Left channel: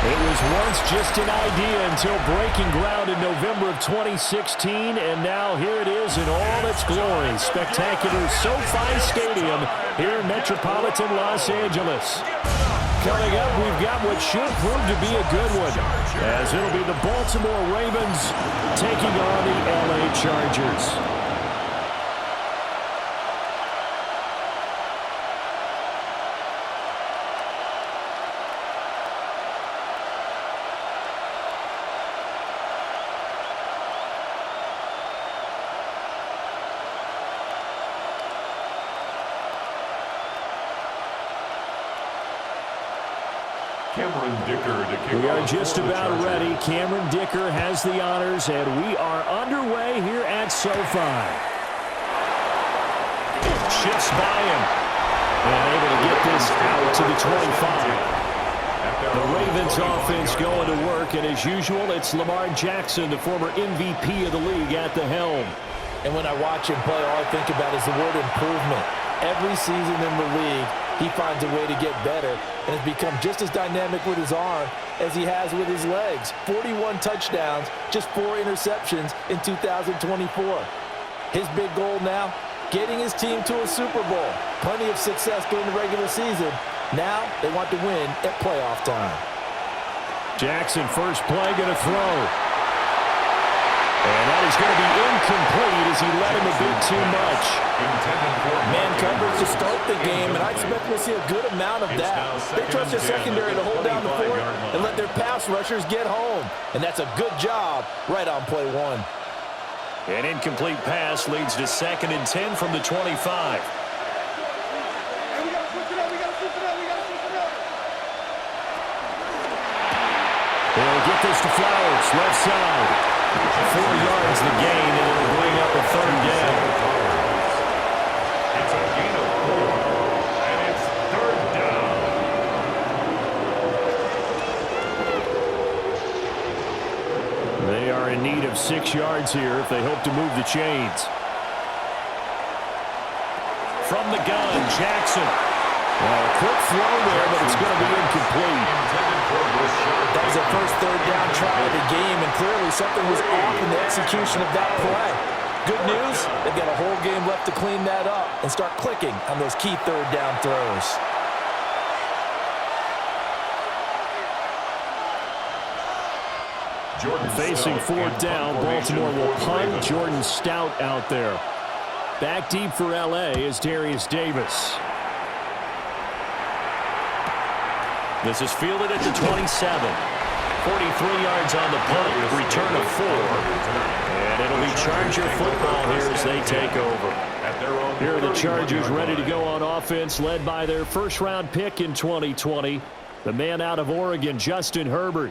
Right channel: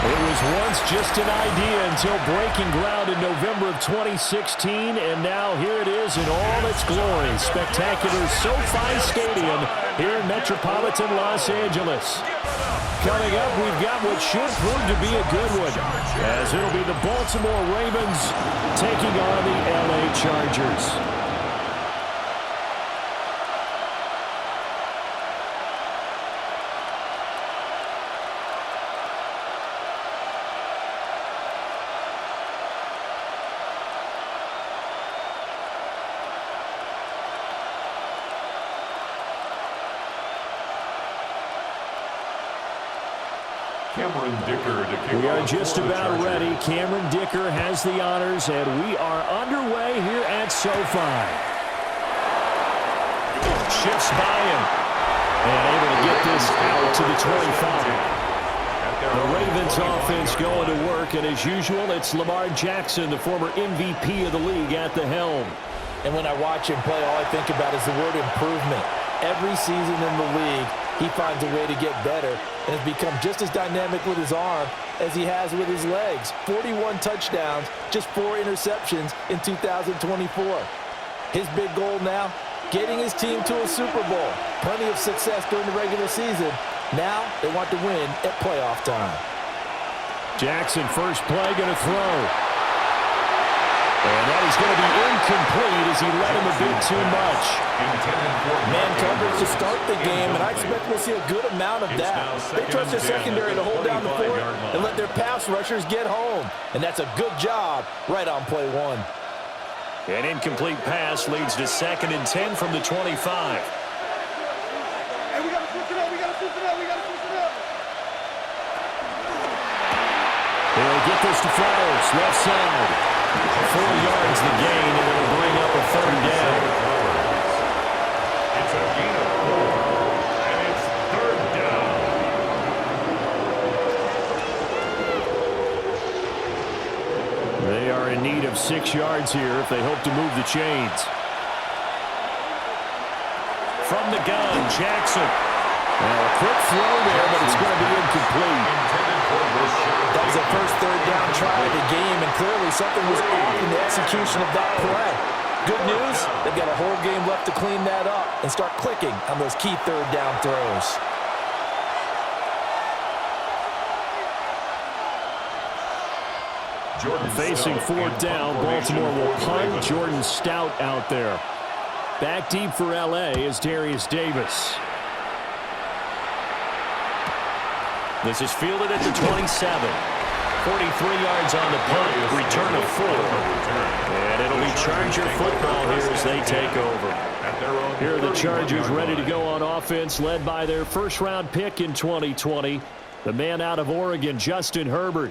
It was once just an idea until breaking ground in November of 2016, and now here it is in all its glory. Spectacular SoFi Stadium here in metropolitan Los Angeles. Coming up, we've got what should prove to be a good one, as it'll be the Baltimore Ravens taking on the LA Chargers. We are just about ready. Cameron Dicker has the honors, and we are underway here at SoFi. Shifts by him, and able to get this out to the 25. The Ravens offense going to work, and as usual, it's Lamar Jackson, the former MVP of the league, at the helm. And when I watch him play, all I think about is the word improvement. Every season in the league, he finds a way to get better and has become just as dynamic with his arm as he has with his legs. 41 touchdowns, just 4 interceptions in 2024. His big goal now, getting his team to a Super Bowl. Plenty of success during the regular season. Now they want to win at playoff time. Jackson, first play, going to throw. And that is going to be incomplete as he let him a bit too much. Man coverage to start the game, and I expect we'll see a good amount of that. They trust their secondary to hold down the fort and let their pass rushers get home. And that's a good job right on play one. An incomplete pass leads to 2nd and 10 from the 25. Hey, we got to switch it up. We got to switch it up. We got to switch it up. They'll get this to Flowers, left side. 4 yards the gain, and it'll bring up a 3rd down. It's a gain of 4, and it's 3rd down. They are in need of 6 yards here if they hope to move the chains. From the gun, Jackson. Well, a quick throw there, but it's going to be incomplete. That was the first 3rd down try of the game, and clearly something was off in the execution of that play. Good news, they've got a whole game left to clean that up and start clicking on those key 3rd down throws. Facing 4th down, Baltimore will punt. Jordan Stout out there. Back deep for LA is Darius Davis. This is fielded at the 27. 43 yards on the punt, return of 4. And it'll be Charger football here as they take over. Here are the Chargers ready to go on offense, led by their first-round pick in 2020, the man out of Oregon, Justin Herbert.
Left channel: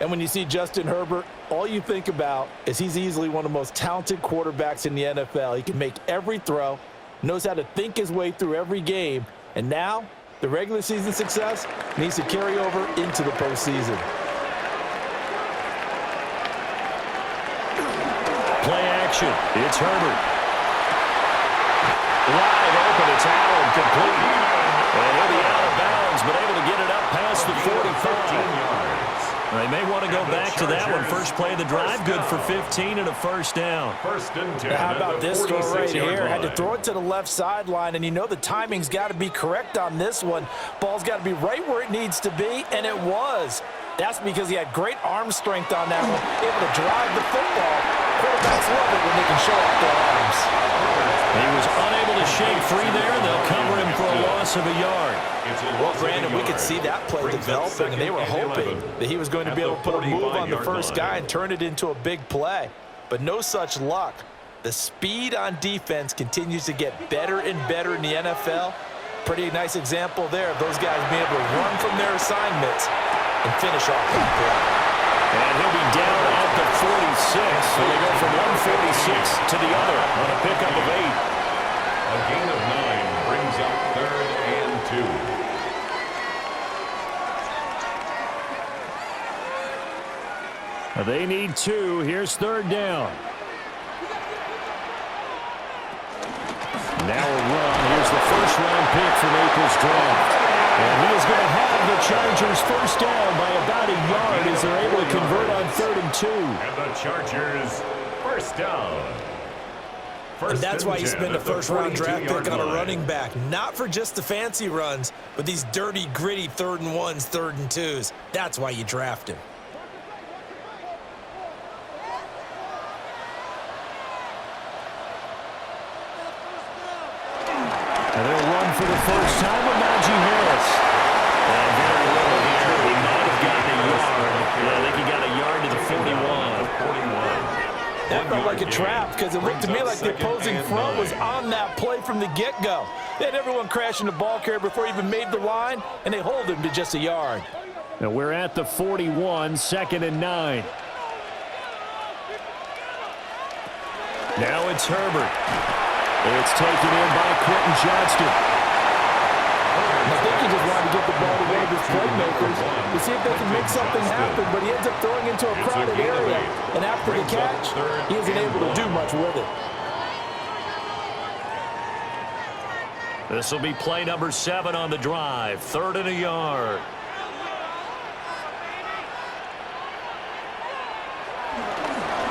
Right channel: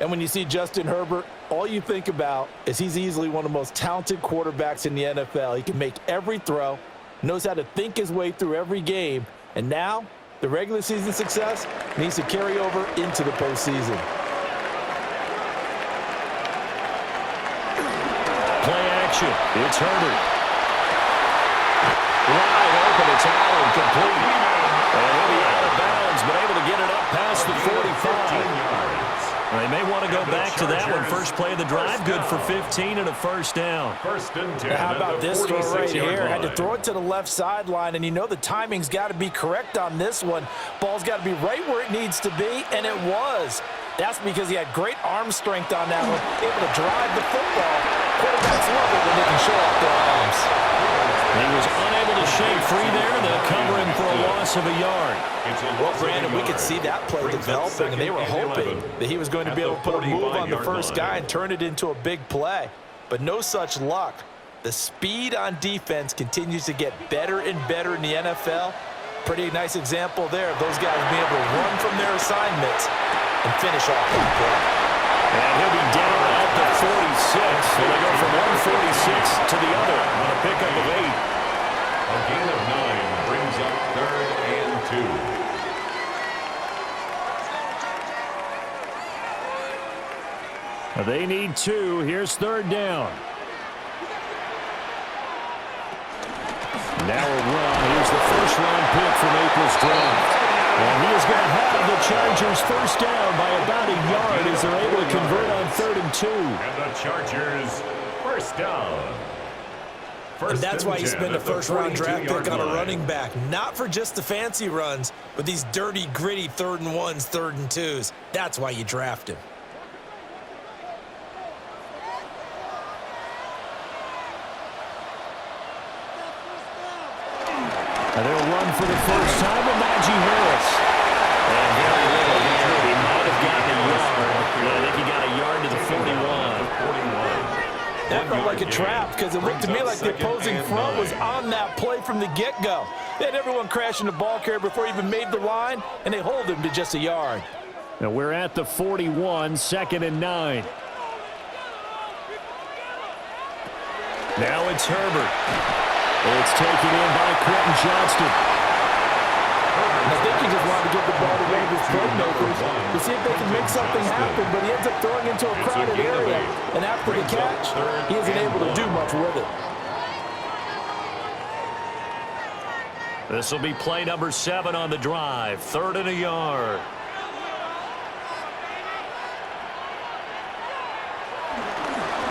And when you see Justin Herbert, all you think about is he's easily one of the most talented quarterbacks in the NFL. He can make every throw, knows how to think his way through every game, and now the regular season success needs to carry over into the postseason. Play action. It's Herbert. Wide open. It's Allen, complete. And he'll be out of bounds, but able to get it up past the 45. They may want to go back to that one. First play of the drive, good for 15 and a 1st down. 1st and 10. How about this throw right here? Had to throw it to the left sideline, and you know the timing's got to be correct on this one. Ball's got to be right where it needs to be, and it was. That's because he had great arm strength on that one, able to drive the football. Quarterbacks love it when they can show off their arms. He was unable to shake free there. They'll cover him for a loss of a yard. Well, Brandon, we could see that play developing, and they were hoping that he was going to be able to put a move on the first guy and turn it into a big play. But no such luck. The speed on defense continues to get better and better in the NFL. Pretty nice example there of those guys being able to run from their assignments and finish off that play. And he'll be down at the 46. So they go from 146 to the other on a pickup of 8. A gain of 9 brings up 3rd and 2. They need 2. Here's 3rd down. Now a run. Here's the first-round pick from April's draft. And he is going to have the Chargers first down by about a yard as they're able to convert on 3rd and 2. And the Chargers first down. And that's why you spend a first-round draft pick on a running back. Not for just the fancy runs, but these dirty, gritty 3rd and 1s, 3rd and 2s. That's why you draft him. And they'll run for the first time with Najee Harris. And very little here. He might have gotten a yard. I think he got a yard to the 41. That felt like a trap because it looked to me like the opposing front was on that play from the get-go. They had everyone crashing the ball carrier before he even made the line, and they hold him to just a yard. Now we're at the 41, 2nd and 9. Now it's Herbert. It's taken in by Quentin Johnston. I think he just wanted to get the ball to one of his playmakers to see if they can make something happen, but he ends up throwing into a crowded area, and after the catch, he isn't able to do much with it. This will be play number 7 on the drive, 3rd and a yard.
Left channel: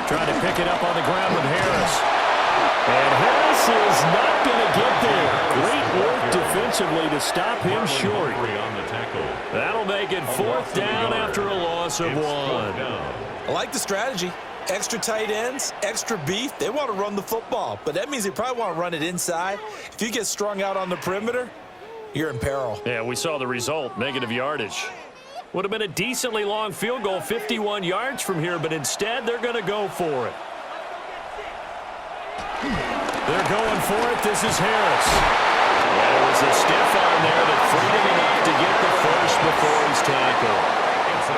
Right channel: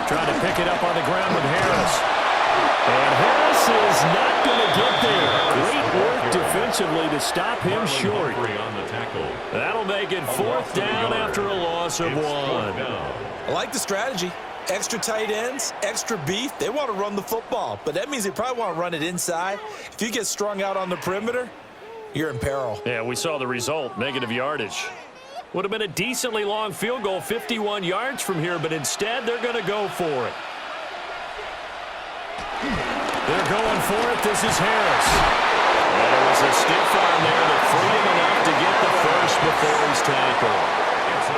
Trying to pick it up on the ground with Harris. And Harris is not going to get there. Great work defensively to stop him short. That'll make it 4th down after a loss of 1. I like the strategy. Extra tight ends, extra beef. They want to run the football, but that means they probably want to run it inside. If you get strung out on the perimeter, you're in peril. Yeah, we saw the result, negative yardage. Would have been a decently long field goal, 51 yards from here, but instead they're going to go for it. They're going for it. This is Harris. And it was a stiff arm there that freed him enough to get the first before he's tackled.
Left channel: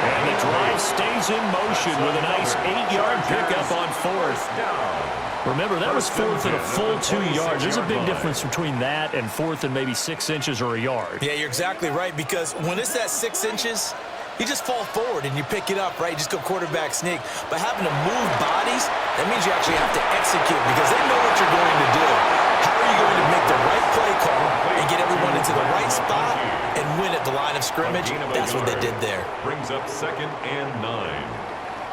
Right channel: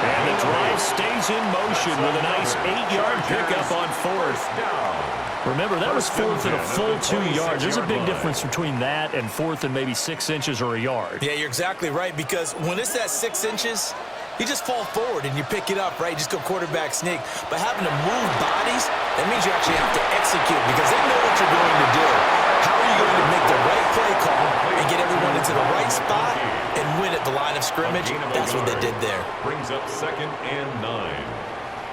And the drive stays in motion with a nice 8-yard pickup on 4th. Remember, that was 4th and a full 2 yards. There's a big difference between that and 4th and maybe 6 inches or a yard. Yeah, you're exactly right, because when it's that 6 inches, you just fall forward and you pick it up, right? You just go quarterback sneak. But having to move bodies, that means you actually have to execute because they know what you're going to do. How are you going to make the right play call and get everyone into the right spot and win at the line of scrimmage? That's what they did there. Brings up 2nd and 9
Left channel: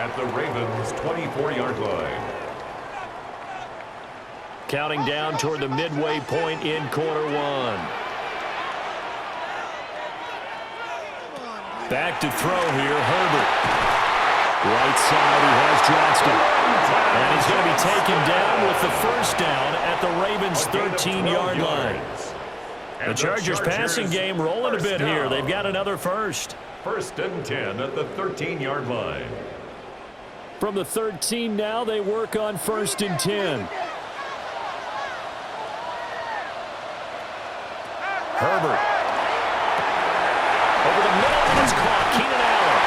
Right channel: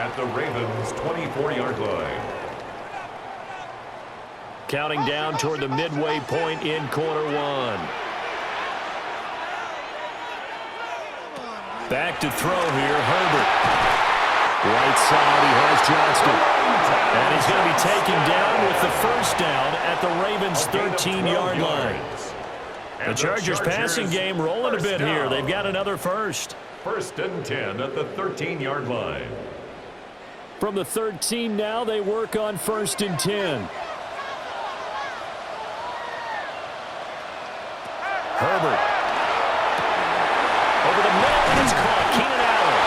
at the Ravens' 24-yard line. Counting down toward the midway point in quarter 1. Back to throw here, Herbert. Right side, he has Johnston. And he's going to be taken down with the first down at the Ravens' 13-yard line. The Chargers passing game rolling a bit here. They've got another first. 1st and 10 at the 13-yard line. From the 13 now, they work on 1st and 10. Herbert. Over the middle, and it's caught. Keenan Allen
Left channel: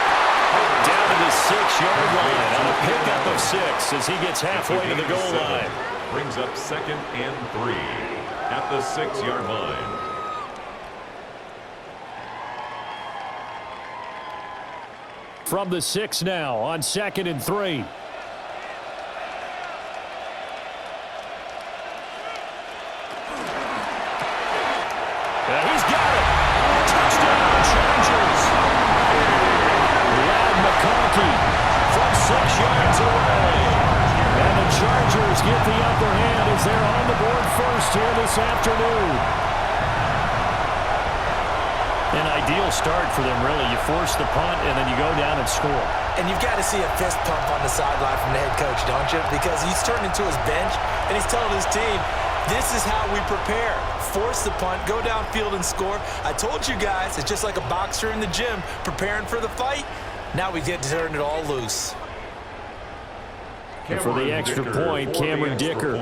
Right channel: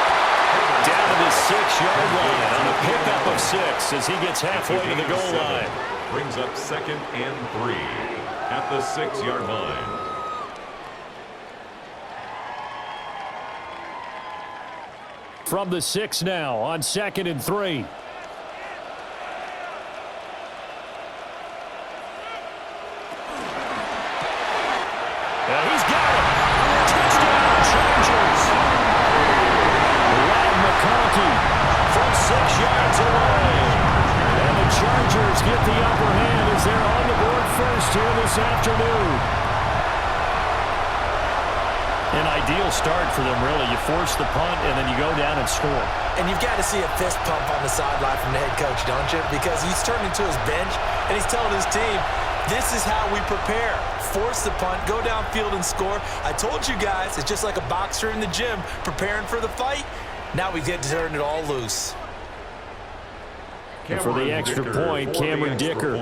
down to the 6-yard line on a pickup of 6 as he gets halfway to the goal line. Brings up 2nd and 3 at the 6-yard line. From the 6 now on 2nd and 3. He's got it. Touchdown, Chargers. Lad McConkey from 6 yards away. And the Chargers get the upper hand as they're on the board first here this afternoon. An ideal start for them, really. You force the punt, and then you go down and score. And you've got to see a fist pump on the sideline from the head coach, don't you? Because he's turned into his bench, and he's telling his team, this is how we prepare. Force the punt, go downfield and score. I told you guys, it's just like a boxer in the gym preparing for the fight. Now we get to turn it all loose. And for the extra point, Cameron Dicker.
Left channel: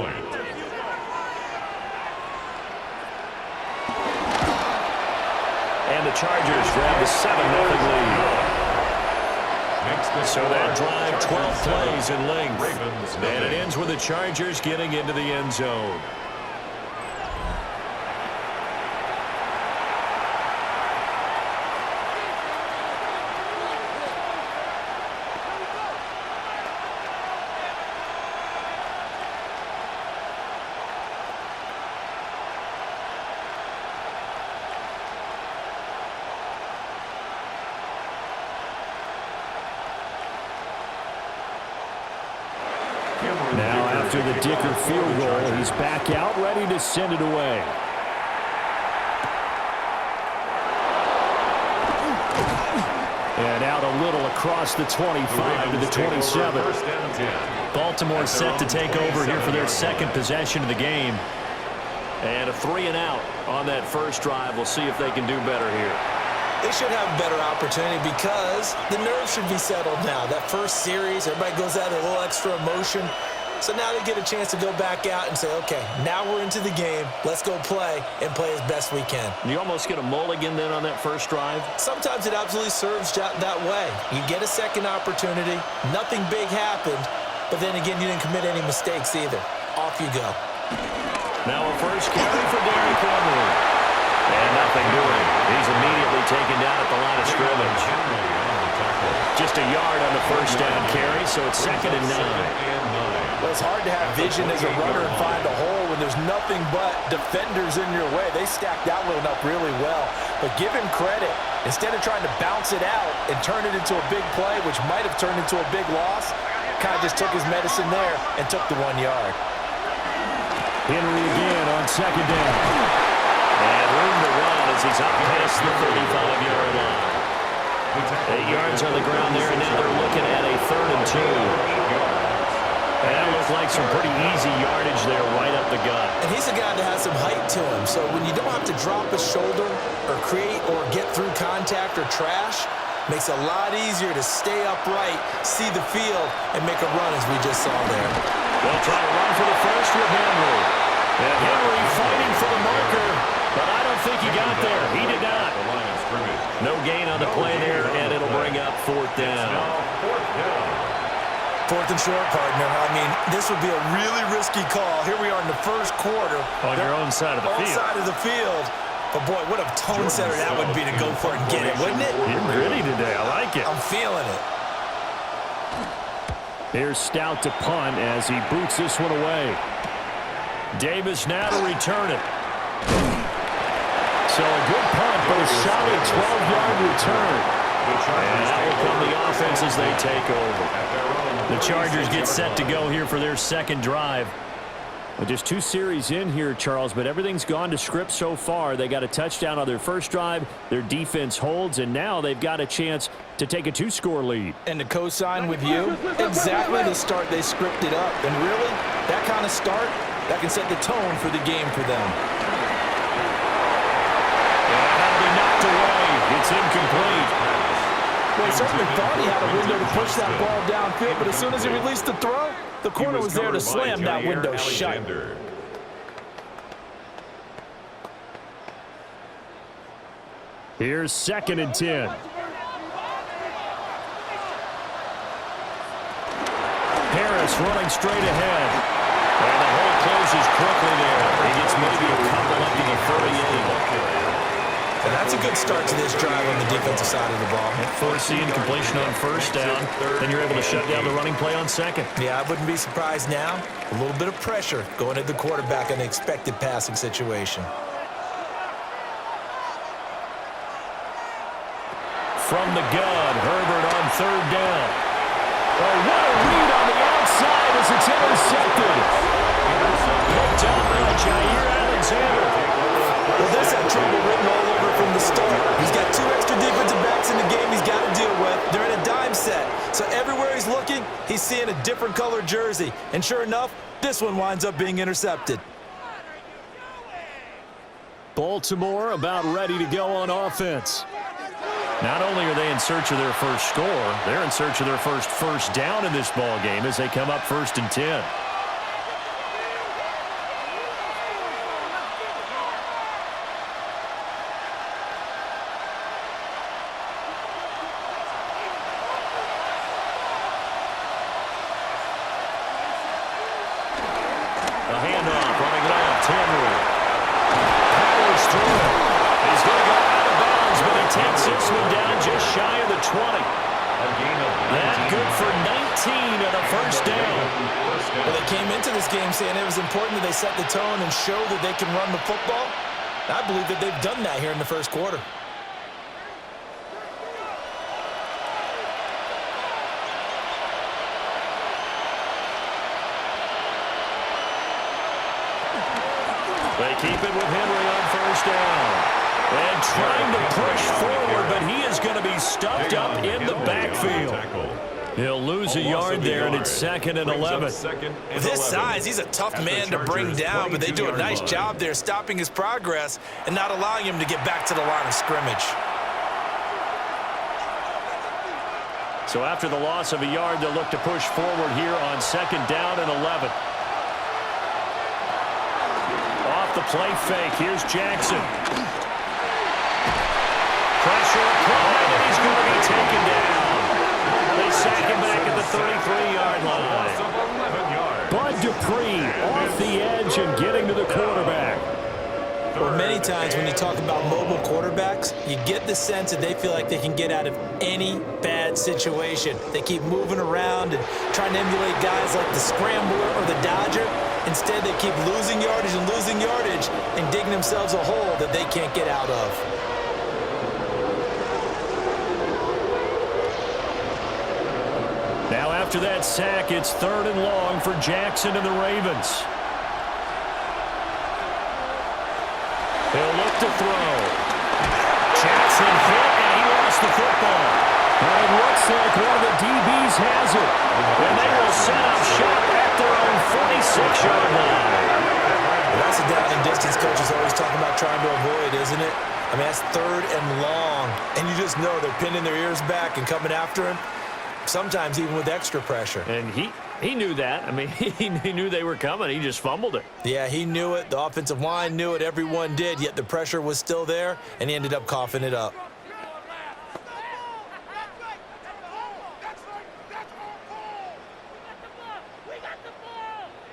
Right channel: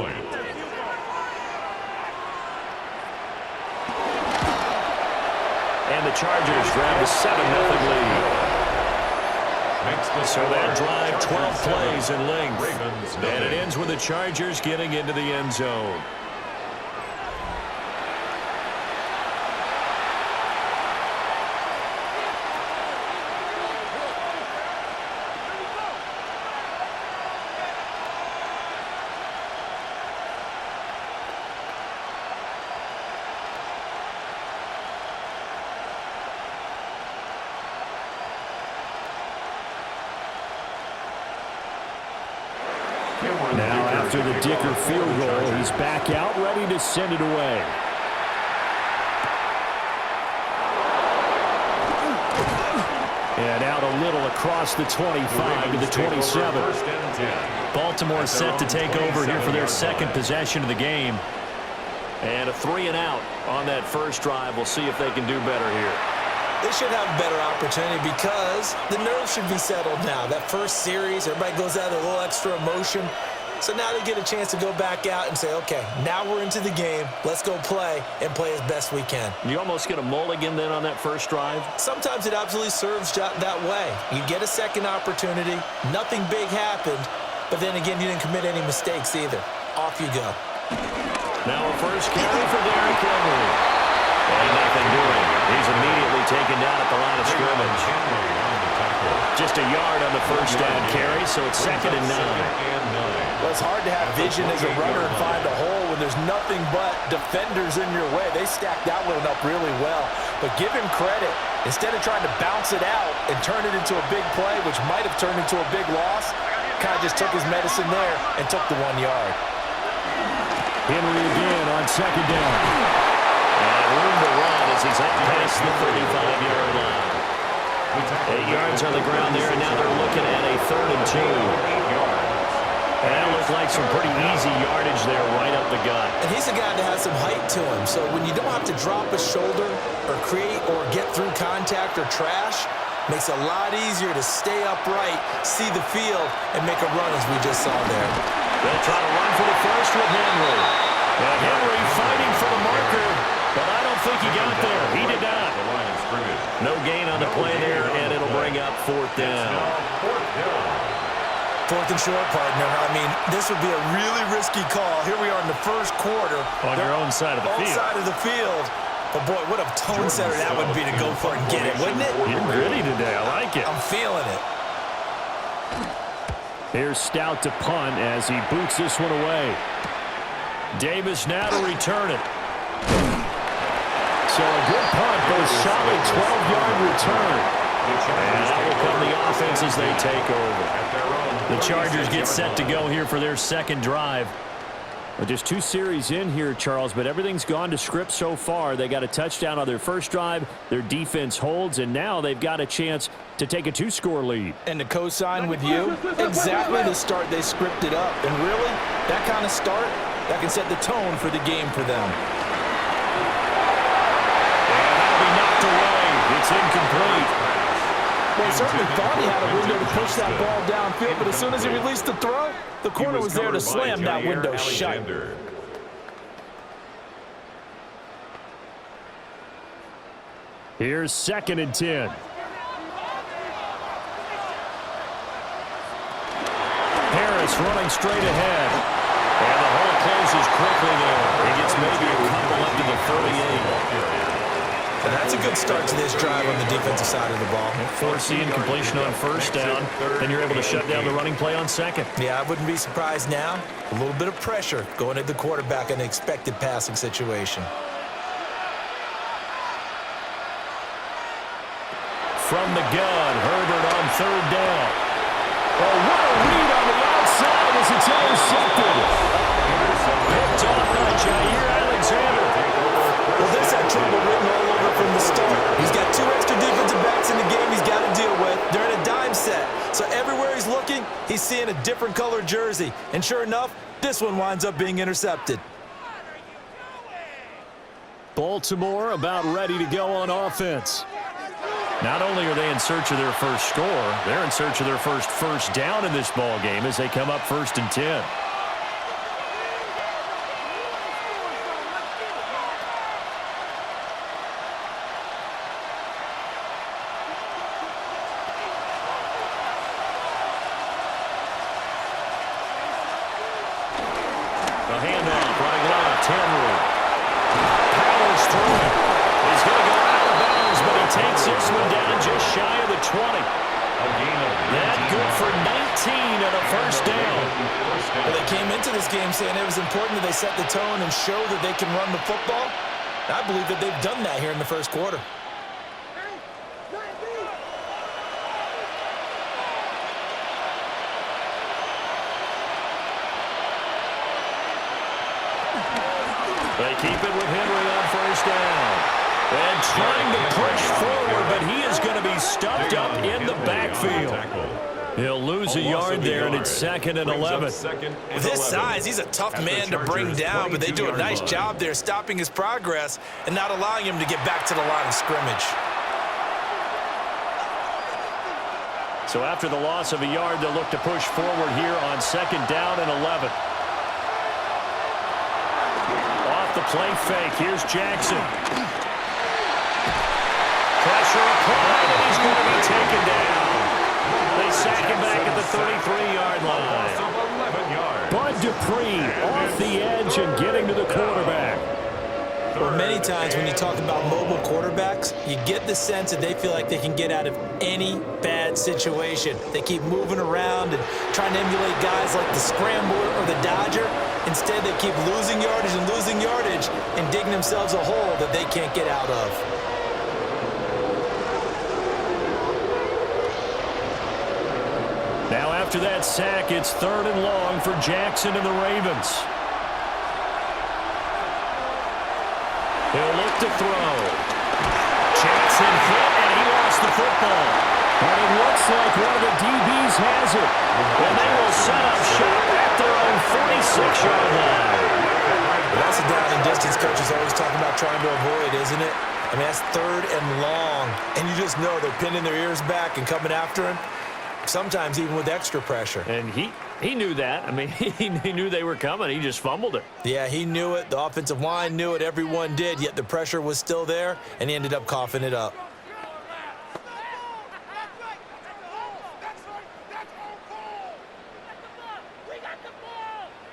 And the Chargers grab the 7-0 lead. So that drive, 12 plays in length. And it ends with the Chargers getting into the end zone. Now after the Dicker field goal, he's back out, ready to send it away. And out a little across the 25 to the 27. Baltimore set to take over here for their second possession of the game. And a 3-and-out on that first drive. We'll see if they can do better here. They should have a better opportunity because the nerves should be settled now. That first series, everybody goes out with a little extra emotion. So now they get a chance to go back out and say, okay, now we're into the game. Let's go play and play as best we can. You almost get a mulligan then on that first drive? Sometimes it absolutely serves that way. You get a second opportunity. Nothing big happened. But then again, you didn't commit any mistakes either. Off you go. Now a first carry for Derrick Henry. And nothing doing. He's immediately taken down at the line of scrimmage. Just a yard on the first down carry, so it's 2nd and 9. Well, it's hard to have vision as a runner and find a hole when there's nothing but defenders in your way. They stacked that one up really well. But give him credit. Instead of trying to bounce it out and turn it into a big play, which might have turned into a big loss, kind of just took his medicine there and took the 1 yard. Henry again on 2nd down. And room to run as he's up past the 35-yard line. 8 yards on the ground there, and now they're looking at a 3rd and 2. And that looked like some pretty easy yardage there right up the gut. And he's a guy that has some height to him, so when you don't have to drop a shoulder or create or get through contact or trash, makes it a lot easier to stay upright, see the field, and make a run as we just saw there. They'll try to run for the first with Henry. And Henry fighting for the marker, but I don't think he got there. He did not. No gain on the play there, and it'll bring up 4th down. 4th and short, partner. I mean, this would be a really risky call. Here we are in the first quarter. On your own side of the field. Side of the field. But, boy, what a tone setter that would be to go for it and get it, wouldn't it? You're gritty today. I like it. I'm feeling it. Here's Stout to punt as he boots this one away. Davis now to return it. So a good punt, but a solid 12-yard return. And that will come the offense as they take over. The Chargers get set to go here for their second drive. Well, just 2 series in here, Charles, but everything's gone to script so far. They got a touchdown on their first drive. Their defense holds, and now they've got a chance to take a 2-score lead. And to co-sign with you, exactly the start they scripted up. And really, that kind of start, that can set the tone for the game for them. And that'll be knocked away. It's incomplete. Well, he certainly thought he had a window to push that ball downfield, but as soon as he released the throw, the corner was there to slam that window shut. Here's 2nd and 10. Harris running straight ahead. And the hole closes quickly there. He gets maybe a couple up to the 38. And that's a good start to this drive on the defensive side of the ball. Forcing completion on first down. Then you're able to shut down the running play on second. Yeah, I wouldn't be surprised now. A little bit of pressure going at the quarterback in an expected passing situation. From the gun, Herbert on 3rd down. Oh, what a read on the outside as it's intercepted. Picked off by Jair Alexander. Well, this had trouble written all over from the start. He's got 2 extra defensive backs in the game he's got to deal with. They're in a dime set. So everywhere he's looking, he's seeing a different color jersey. And sure enough, this one winds up being intercepted. Baltimore about ready to go on offense. Not only are they in search of their first score, they're in search of their first down in this ball game as they come up 1st and 10. A handoff running left, Henry. Powers through it. He's going to go out of bounds, but he takes this one down just shy of the 20. That good for 19 and a first down. Well, they came into this game saying it was important that they set the tone and show that they can run the football. I believe that they've done that here in the first quarter. They keep it with Henry on first down. And trying to push forward, but he is going to be stuffed up in the backfield. He'll lose a yard there, and it's 2nd and 11. With his size, he's a tough man to bring down, but they do a nice job there stopping his progress and not allowing him to get back to the line of scrimmage. So after the loss of a yard, they'll look to push forward here on 2nd down and 11. Off the play fake, here's Jackson. Pressure applied, and he's going to be taken down. They sack him back at the 33-yard line. Bud Dupree off the edge and getting to the quarterback. Well, many times when you talk about mobile quarterbacks, you get the sense that they feel like they can get out of any bad situation. They keep moving around and trying to emulate guys like the scrambler or the dodger. Instead, they keep losing yardage and digging themselves a hole that they can't get out of. Now after that sack, it's 3rd and long for Jackson and the Ravens. He'll look to throw. Jackson hit, and he lost the football. But it looks like one of the DBs has it. And they will set up shop at their own 46-yard line. Well, that's a down and distance coaches always talking about trying to avoid, isn't it? I mean, that's 3rd and long. And you just know they're pinning their ears back and coming after him. Sometimes even with extra pressure. And he knew that. I mean, he knew they were coming. He just fumbled it. Yeah, he knew it. The offensive line knew it. Everyone did, yet the pressure was still there, and he ended up coughing it up.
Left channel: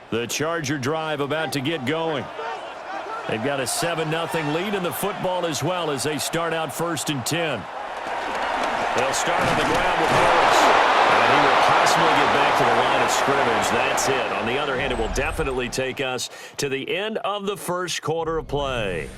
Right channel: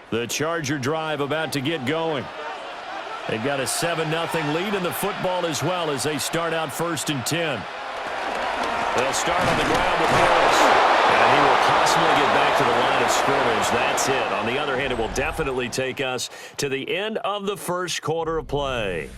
The Charger drive about to get going. They've got a 7-0 lead in the football as well as they start out 1st and 10. They'll start on the ground with Harris. And he will possibly get back to the line of scrimmage. That's it. On the other hand, it will definitely take us to the end of the first quarter of play.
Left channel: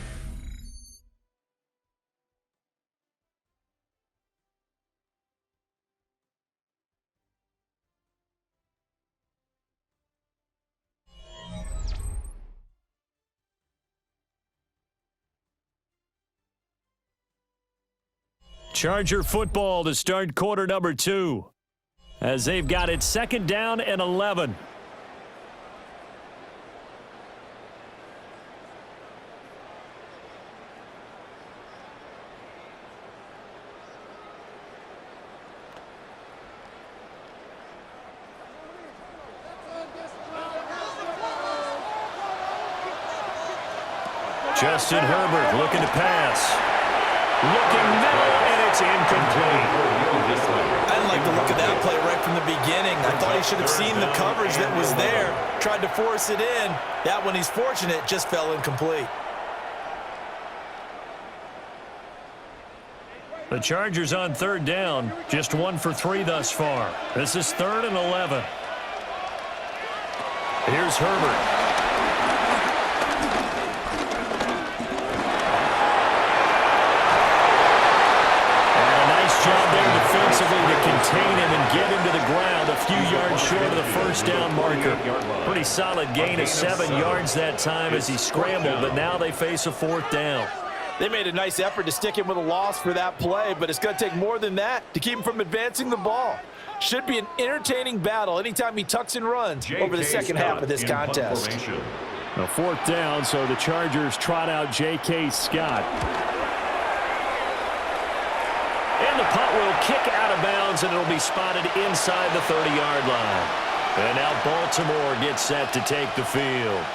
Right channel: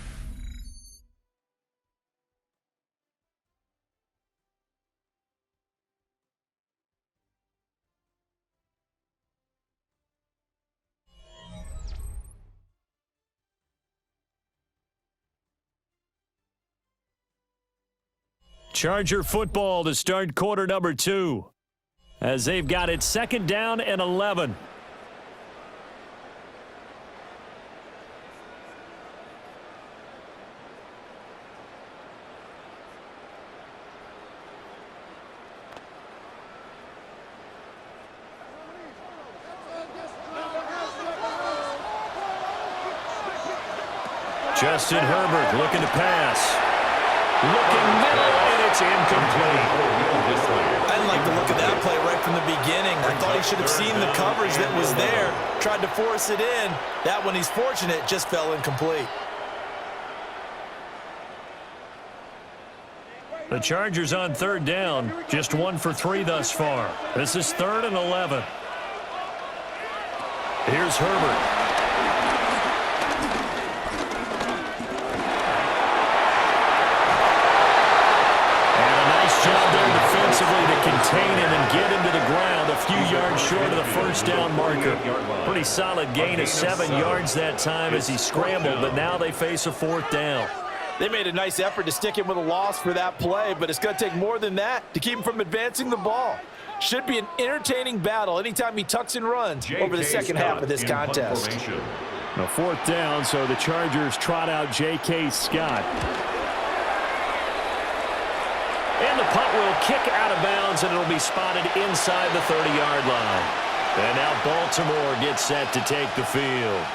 Charger football to start quarter number 2. As they've got it 2nd down and 11. Justin Herbert looking to pass. Looking middle, and it's incomplete. I didn't like the look of that play right from the beginning. I thought he should have seen the coverage that was there, tried to force it in. That one, he's fortunate, just fell incomplete. The Chargers on 3rd down, just 1 for 3 thus far. This is 3rd and 11. Here's Herbert. Job there defensively to contain him and get him to the ground a few yards short of the 1st down marker. Pretty solid gain of 7 yards that time as he scrambled, but now they face a 4th down. They made a nice effort to stick him with a loss for that play, but it's going to take more than that to keep him from advancing the ball. Should be an entertaining battle anytime he tucks and runs over the second half of this contest. A 4th down, so the Chargers trot out J.K. Scott. And the punt will kick out of bounds, and it'll be spotted inside the 30-yard line. And now Baltimore gets set to take the field.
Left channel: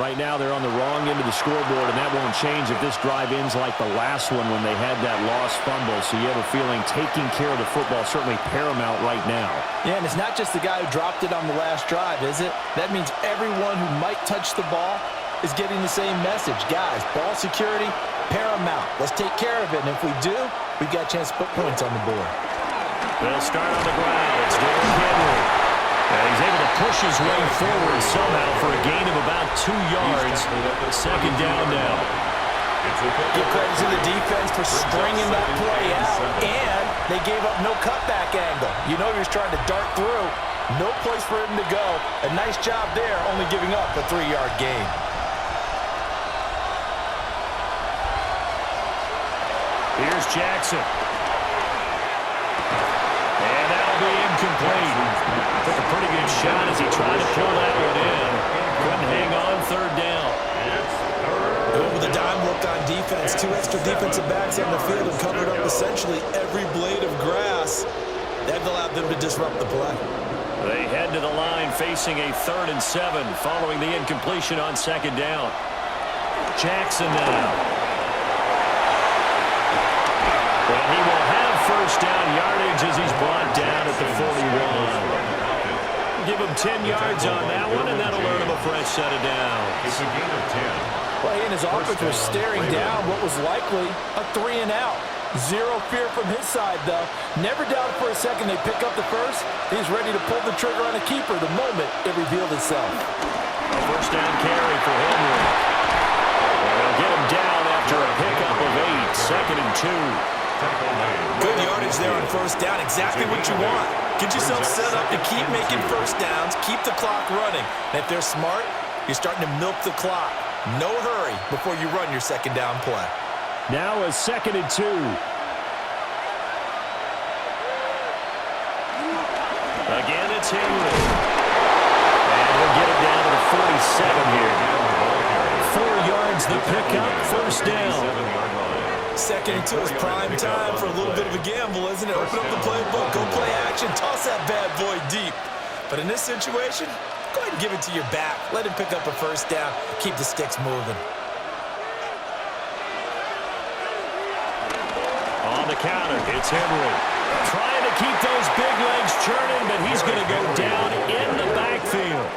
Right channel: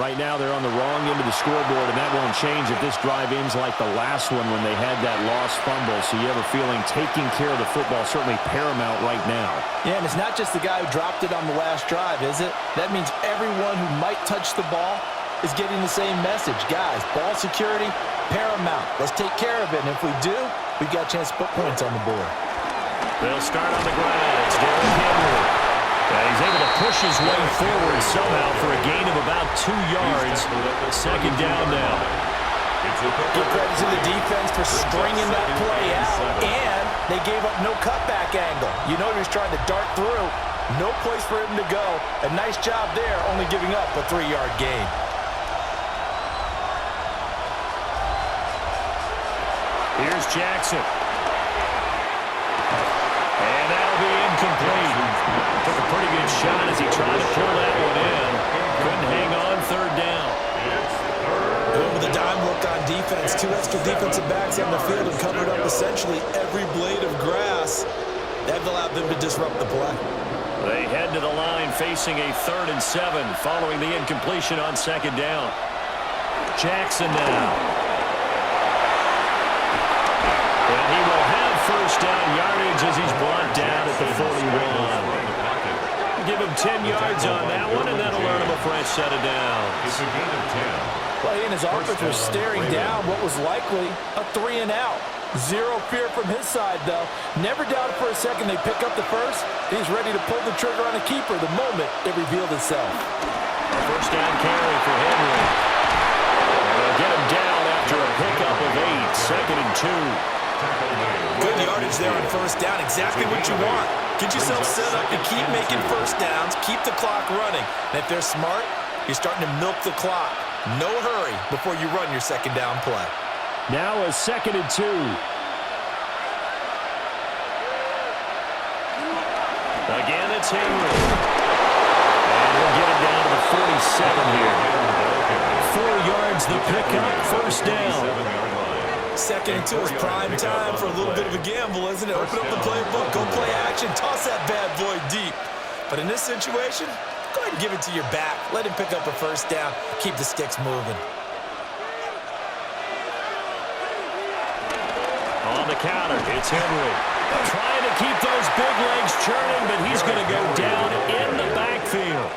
Right now they're on the wrong end of the scoreboard, and that won't change if this drive ends like the last one when they had that lost fumble. So you have a feeling taking care of the football is certainly paramount right now. Yeah, and it's not just the guy who dropped it on the last drive, is it? That means everyone who might touch the ball is getting the same message. Guys, ball security, paramount. Let's take care of it, and if we do, we've got a chance to put points on the board. They'll start on the ground. It's Derrick Henry. And he's able to push his way forward somehow for a gain of about 2 yards. 2nd down now. Give credit to the defense for stringing that play out, and they gave up no cutback angle. You know he was trying to dart through. No place for him to go. A nice job there, only giving up a 3-yard gain. Here's Jackson. And that'll be incomplete. Took a pretty good shot as he tried to pull that one in. Couldn't hang on third down. Going with a dime look on defense. 2 extra defensive backs on the field and covered up essentially every blade of grass. That allowed them to disrupt the play. They head to the line facing a 3rd and 7 following the incompletion on 2nd down. Jackson now. And he will have first down yardage as he's brought down at the 41. Give him 10 yards on that one, and that'll earn him a fresh set of downs. It's a gain of 10. Well, he and his offense were staring down what was likely a 3 and out. Zero fear from his side, though. Never doubted for a second they pick up the first. He's ready to pull the trigger on a keeper the moment it revealed itself. A first down carry for Henry. And they'll get him down after a pickup of 8. 2nd and 2. Good yardage there on first down. Exactly what you want. Get yourself set up to keep making first downs, keep the clock running. And if they're smart, you're starting to milk the clock. No hurry before you run your 2nd down play. Now a 2nd and 2. Again, it's Henry. And he'll get it down to the 47 here. 4 yards the pickup, first down. 2nd and 2 is prime time for a little bit of a gamble, isn't it? Open up the playbook, go play action, toss that bad boy deep. But in this situation, go ahead and give it to your back. Let him pick up a first down. Keep the sticks moving. On the counter, it's Henry. Trying to keep those big legs churning, but he's going to go down in the backfield.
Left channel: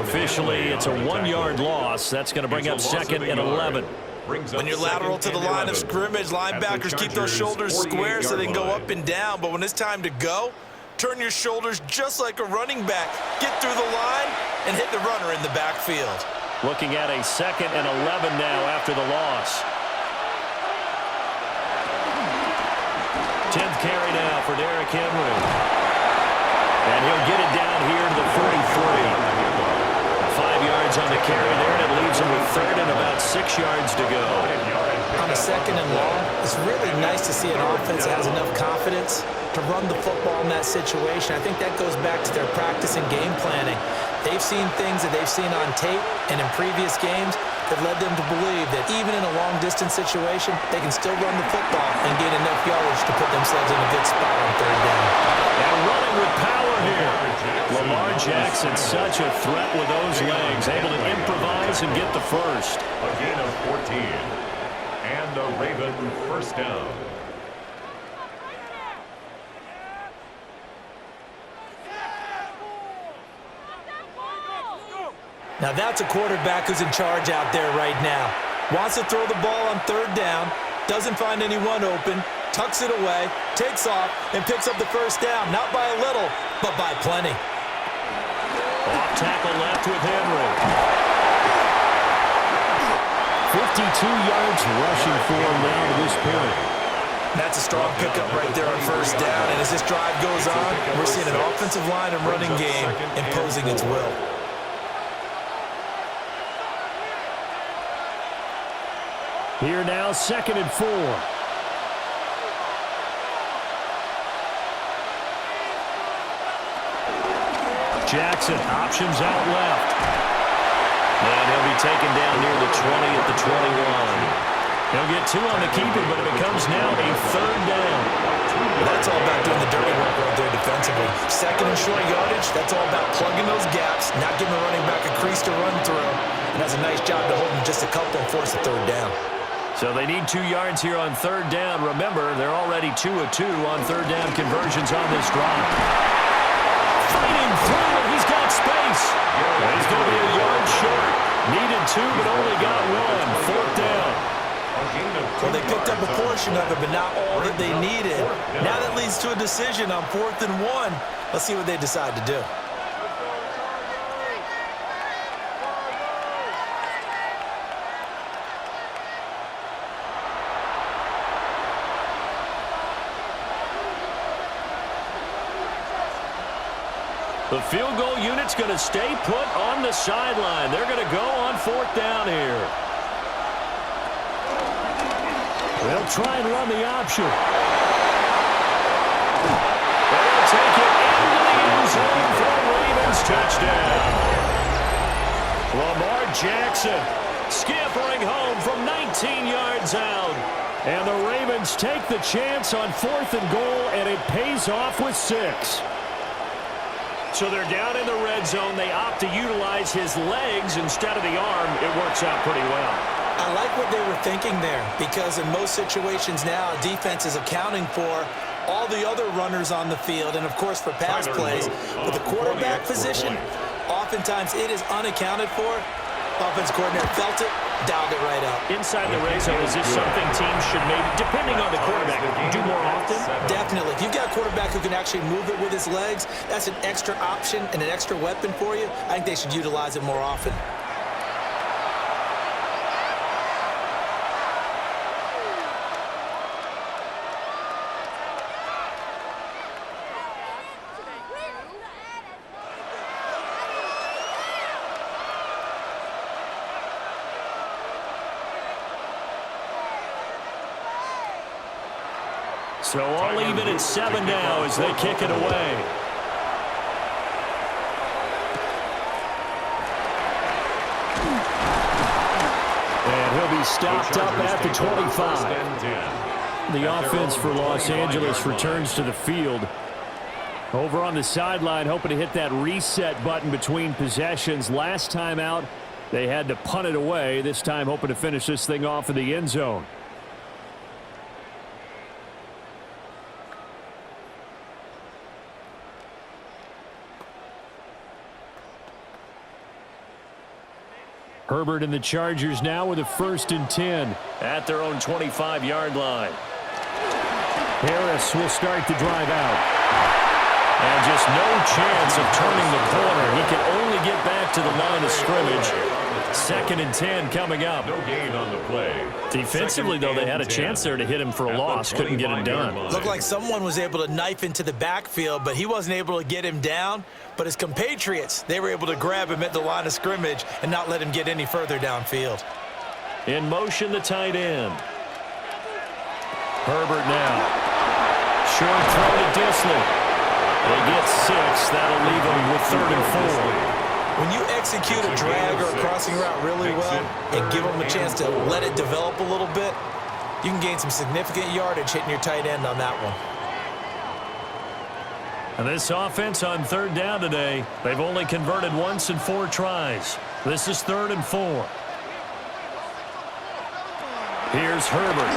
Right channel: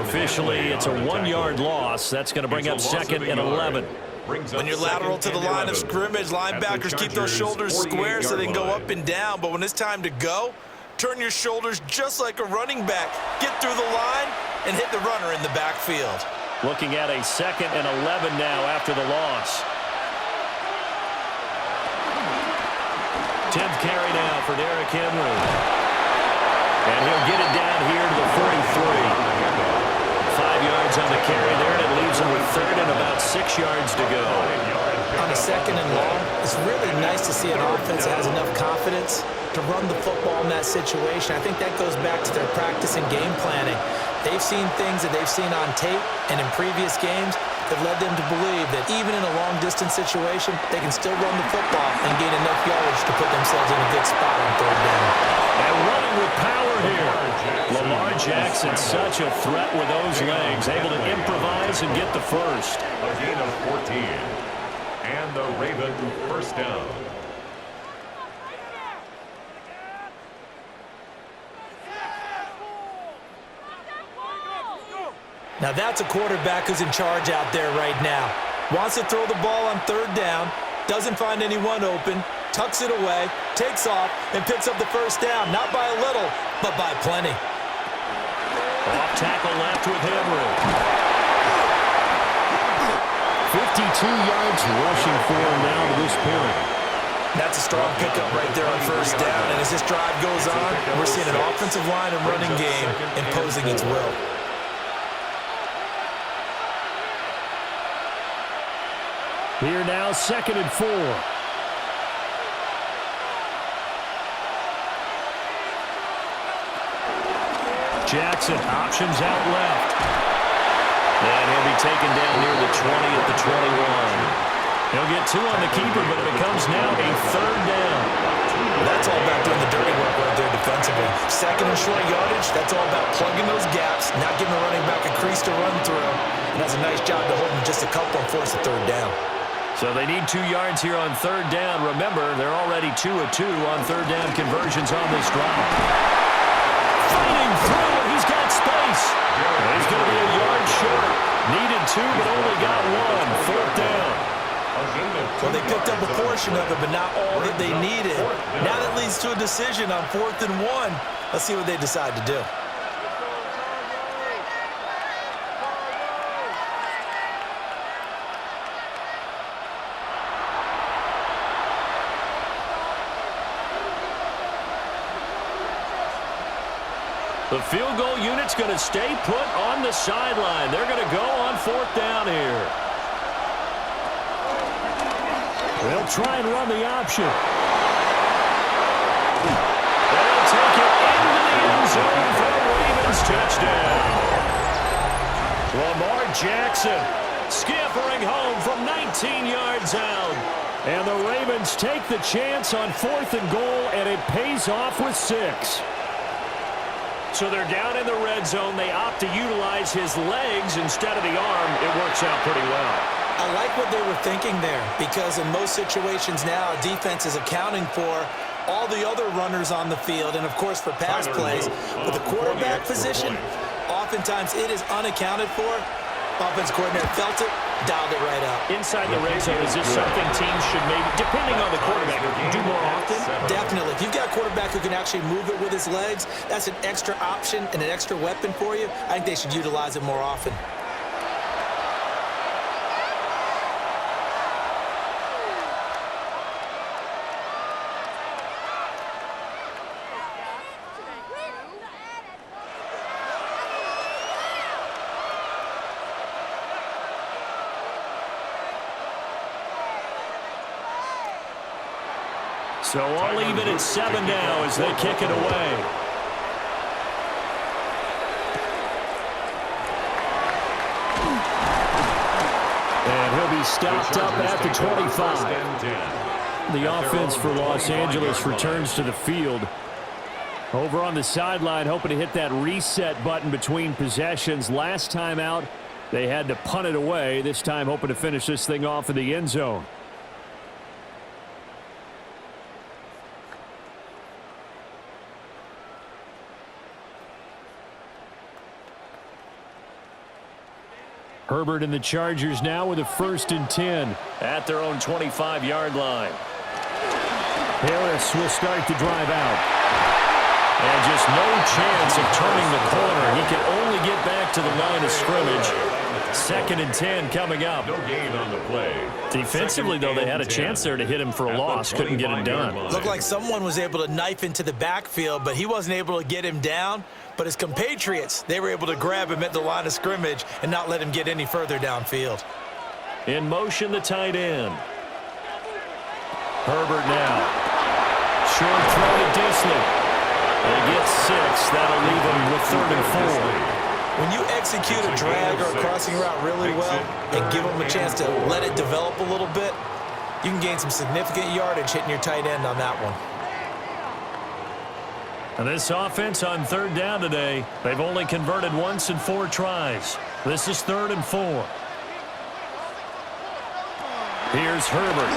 Officially, it's a 1-yard loss. That's going to bring up 2nd and 11. When you're lateral to the line of scrimmage, linebackers keep those shoulders square so they can go up and down. But when it's time to go, turn your shoulders just like a running back. Get through the line and hit the runner in the backfield. Looking at a 2nd and 11 now after the loss. 10th carry now for Derrick Henry. And he'll get it down here to the 43. 5 yards on the carry there, and it leaves him with 3rd and about 6 yards to go. On a 2nd and long, it's really nice to see an offense that has enough confidence to run the football in that situation. I think that goes back to their practice and game planning. They've seen things that they've seen on tape and in previous games that led them to believe that even in a long-distance situation, they can still run the football and gain enough yardage to put themselves in a good spot on 3rd down. And running with power here. Lamar Jackson, such a threat with those legs, able to improvise and get the first. A gain of 14. And a Raven first down. Now that's a quarterback who's in charge out there right now. Wants to throw the ball on 3rd down, doesn't find anyone open, tucks it away, takes off, and picks up the first down. Not by a little, but by plenty. Off tackle left with Henry. 52 yards rushing for him now to this point. That's a strong pickup right there on first down. And as this drive goes on, we're seeing an offensive line and running game imposing its will. Here now, 2nd and 4. Jackson, options out left. And he'll be taken down near the 20 at the 21. He'll get 2 on the keeper, but it becomes now a 3rd down. That's all about doing the dirty work right there defensively. 2nd and short yardage, that's all about plugging those gaps, not giving the running back a crease to run through. And does a nice job to hold him just a couple and force a 3rd down. So they need 2 yards here on 3rd down. Remember, they're already 2 of 2 on 3rd down conversions on this drive. Fighting through, and he's got space. And he's going to be a yard short. Needed 2, but only got 1. 4th down. Well, they picked up a portion of it, but not all that they needed. Now that leads to a decision on 4th and 1. Let's see what they decide to do. The field goal unit's going to stay put on the sideline. They're going to go on 4th down here. They'll try and run the option. They'll take it into the end zone for a Ravens touchdown. Lamar Jackson scampering home from 19 yards out. And the Ravens take the chance on 4th and goal, and it pays off with 6. So they're down in the red zone. They opt to utilize his legs instead of the arm. It works out pretty well. I like what they were thinking there, because in most situations now, defense is accounting for all the other runners on the field and, of course, for pass plays. But the quarterback position, oftentimes it is unaccounted for. Offense coordinator felt it, dialed it right up. Inside the red zone, is this something teams should maybe, depending on the quarterback, do more often? Definitely. If you've got a quarterback who can actually move it with his legs, that's an extra option and an extra weapon for you. I think they should utilize it more often. So all even at 7 now as they kick it away. And he'll be stopped up at the 25. The offense for Los Angeles returns to the field. Over on the sideline, hoping to hit that reset button between possessions. Last time out, they had to punt it away. This time hoping to finish this thing off in the end zone. Herbert and the Chargers now with a 1st and 10 at their own 25-yard line. Harris will start the drive out. And just no chance of turning the corner. He can only get back to the line of scrimmage. 2nd and 10 coming up. No gain on the play. Defensively, though, they had a chance there to hit him for a loss. Couldn't get him done. Looked like someone was able to knife into the backfield, but he wasn't able to get him down. But his compatriots, they were able to grab him at the line of scrimmage and not let him get any further downfield. In motion, the tight end. Herbert now. Short throw to Disley. They get 6. That'll leave them with 3rd and 4. When you execute a drag or a crossing route really well and give them a chance to let it develop a little bit, you can gain some significant yardage hitting your tight end on that one. And this offense on 3rd down today, they've only converted once in 4 tries. This is 3rd and 4. Here's Herbert.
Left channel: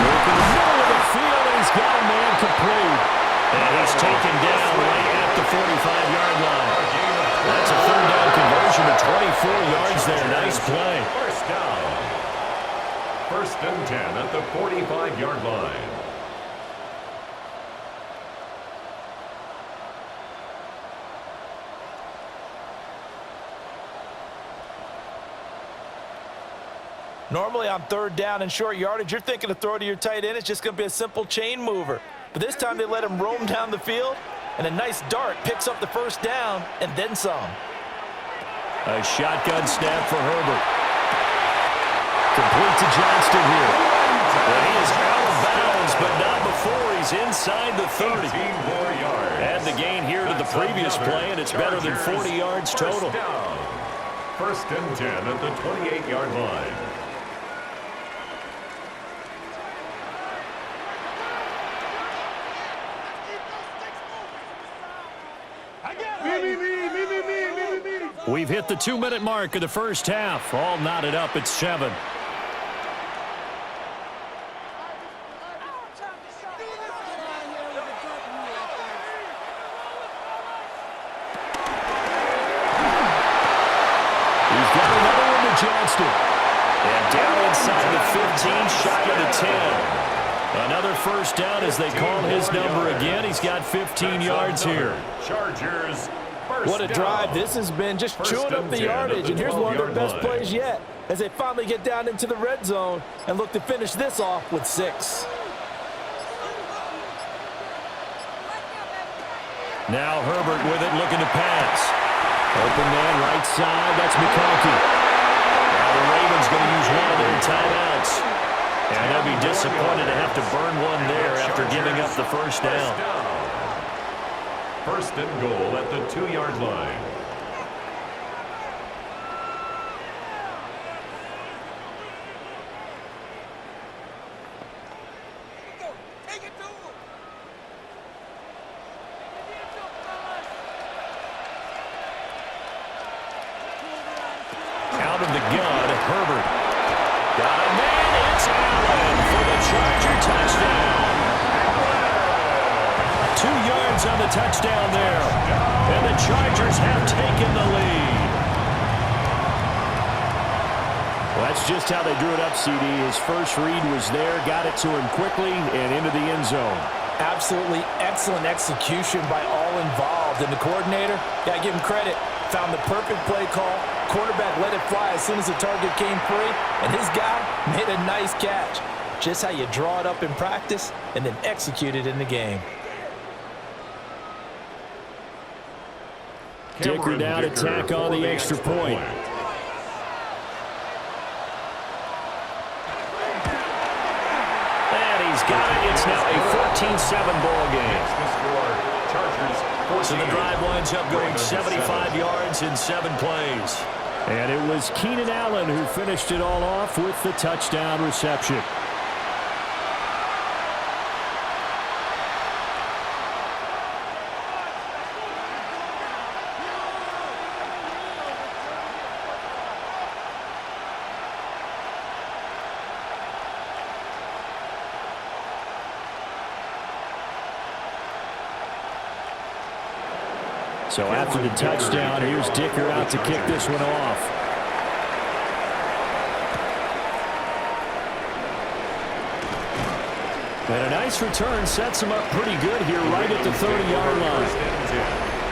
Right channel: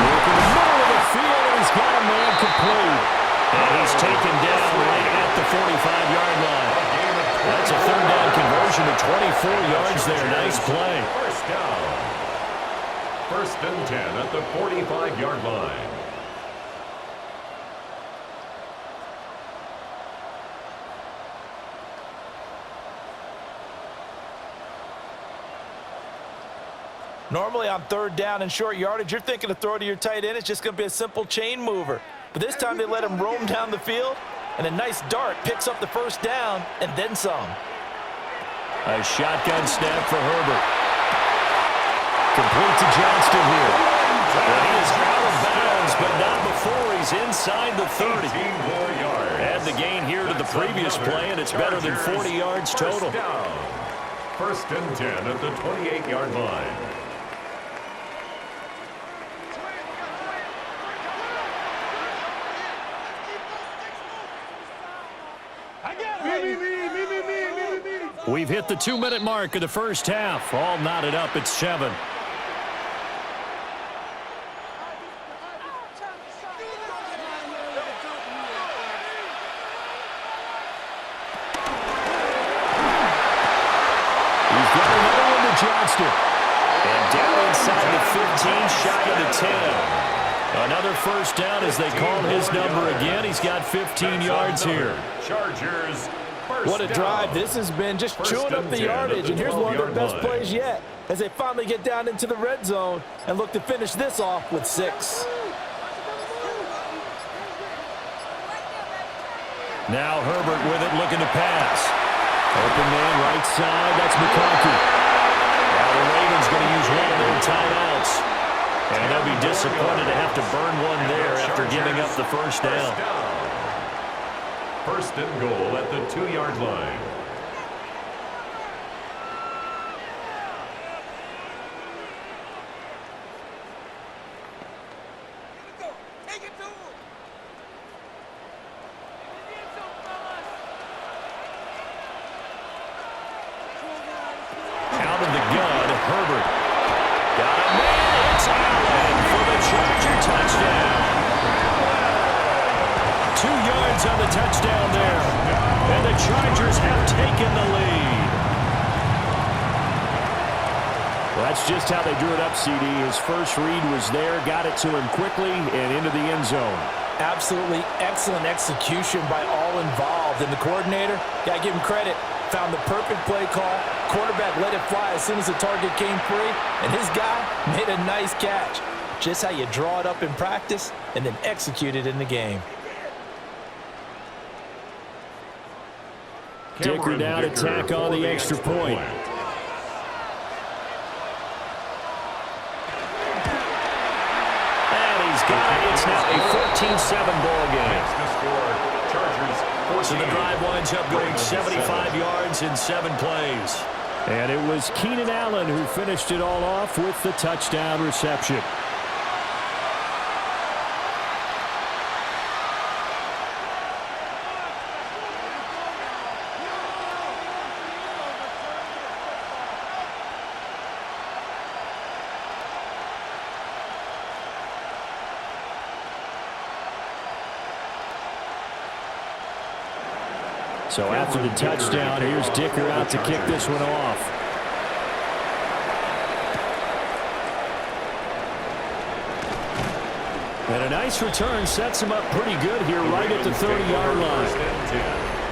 Working the middle of the field, and he's got a man complete. And he's taken down right at the 45-yard line. That's a 3rd down conversion to 24 yards there. Nice play. 1st down. 1st and 10 at the 45-yard line. Normally on 3rd down and short yardage, you're thinking to throw to your tight end. It's just going to be a simple chain mover. But this time they let him roam down the field, and a nice dart picks up the 1st down and then some. A shotgun snap for Herbert. Complete to Johnston here. And he is out of bounds, but not before he's inside the 30. 18 more yards. Add the gain here to the previous play, and it's better than 40 yards total. 1st and 10 at the 28-yard line. We've hit the 2-minute mark of the 1st half. All knotted up at 7. He's got another one to Johnston. And down inside the 15, shy of the 10. Another 1st down as they call his number again. He's got 15 yards here. Chargers. What a drive this has been, just chewing up the yardage. And here's one of their best plays yet as they finally get down into the red zone and look to finish this off with 6. Now Herbert with it, looking to pass. Open man right side, that's McConkey. Now the Ravens going to use one of their timeouts. And they'll be disappointed to have to burn one there after giving up the first down. First and goal at the 2-yard line. Out of the gun, Herbert. Got a man, it's Allen for the Charger touchdown. 2 yards on the touchdown there. And the Chargers have taken the lead. Well, that's just how they drew it up, CD. His first read was there, got it to him quickly, and into the end zone. Absolutely excellent execution by all involved. And the coordinator, got to give him credit, found the perfect play call. Quarterback let it fly as soon as the target came free, and his guy made a nice catch. Just how you draw it up in practice and then execute it in the game. Dicker down to tack on the extra point. And he's got it. It's now a 14-7 ball game. The score, Chargers 14. So the drive winds up going 75 yards in 7 plays. And it was Keenan Allen who finished it all off with the touchdown reception. So after the touchdown, here's Dicker out to kick this one off. And a nice return sets him up pretty good here right at the 30-yard line.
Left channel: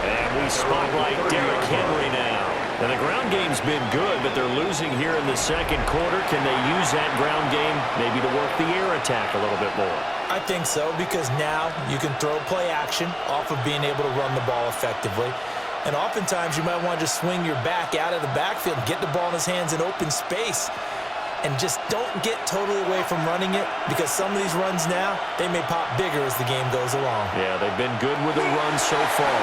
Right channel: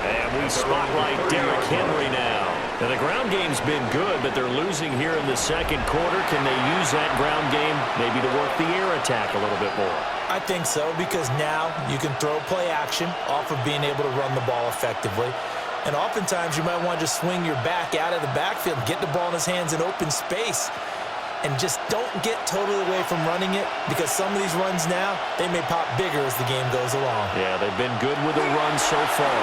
And we spotlight Derrick Henry now. Now, the ground game's been good, but they're losing here in the second quarter. Can they use that ground game maybe to work the air attack a little bit more? I think so, because now you can throw play action off of being able to run the ball effectively. And oftentimes you might want to just swing your back out of the backfield, get the ball in his hands in open space, and just don't get totally away from running it, because some of these runs now, they may pop bigger as the game goes along. Yeah, they've been good with the run so far.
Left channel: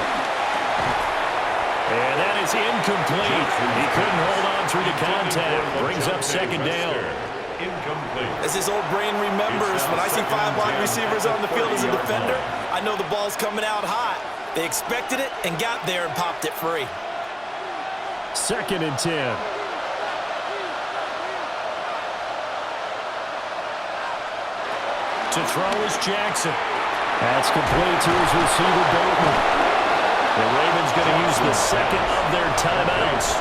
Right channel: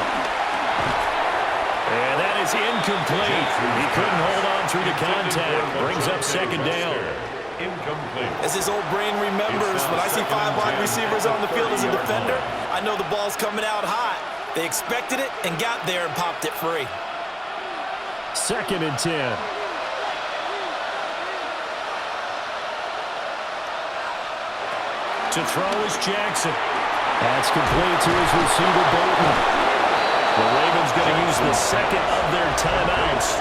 And that is incomplete. He couldn't hold on through the contact. Brings up second down. Incomplete. As his old brain remembers, when I see 5 wide receivers on the field as a defender, I know the ball's coming out hot. They expected it and got there and popped it free. 2nd and 10. To throw is Jackson. That's complete to his receiver, Bateman. The Ravens going to use the second of their timeouts,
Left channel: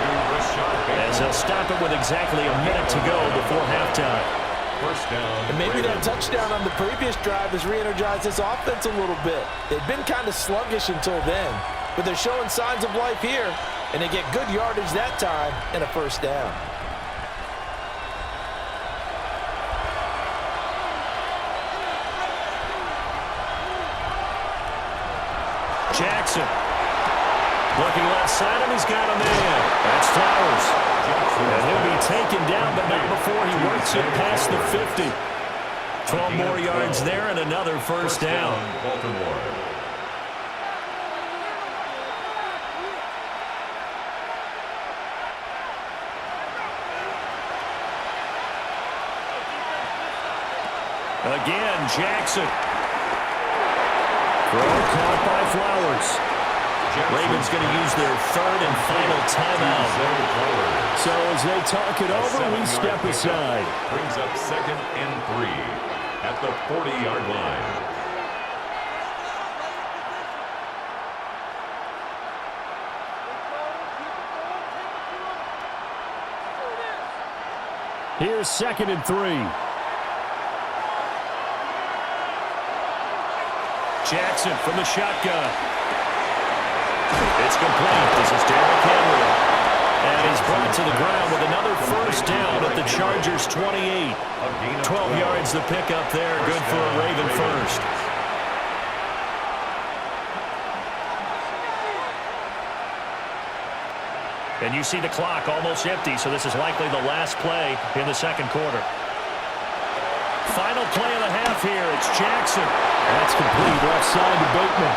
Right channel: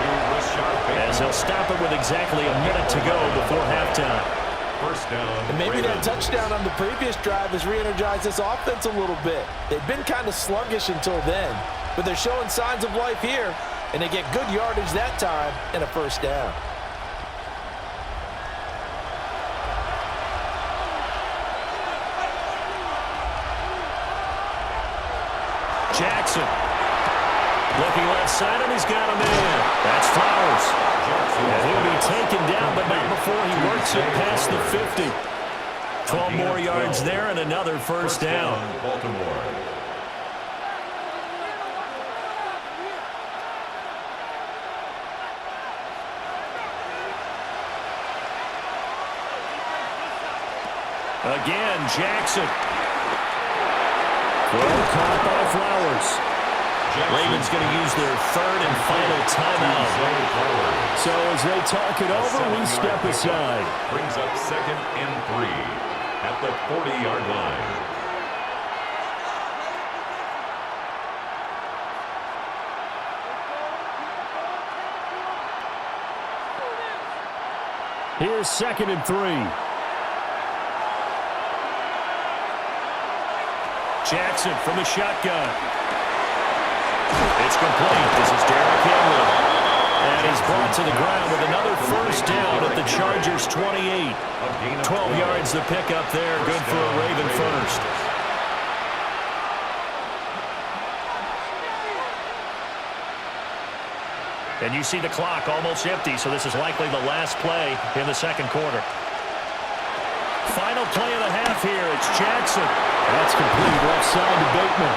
as they'll stop it with exactly a minute to go before halftime. First down. And maybe that Ravens. touchdown on the previous drive has re-energized this offense a little bit. They've been kind of sluggish until then, but they're showing signs of life here, and they get good yardage that time and a first down. Jackson. Looking left side, and he's got a man. That's Flowers. And he'll be taken down, but not before he works it past the 50. 12 more yards there and another first down. Baltimore. Again, Jackson. Throw caught by Flowers. Ravens going to use their third and final timeout. So as they talk it over, we step aside. Brings up 2nd and 3 at the 40-yard line. Here's 2nd and 3. Jackson from the shotgun. It's complete. This is Derrick Henry. And he's brought to the ground with another first down at the Chargers' 28. 12 yards the pickup there. Good for a Raven first. And you see the clock almost empty, so this is likely the last play in the second quarter. Final play of the half here. It's Jackson. That's complete. Left side to Bateman.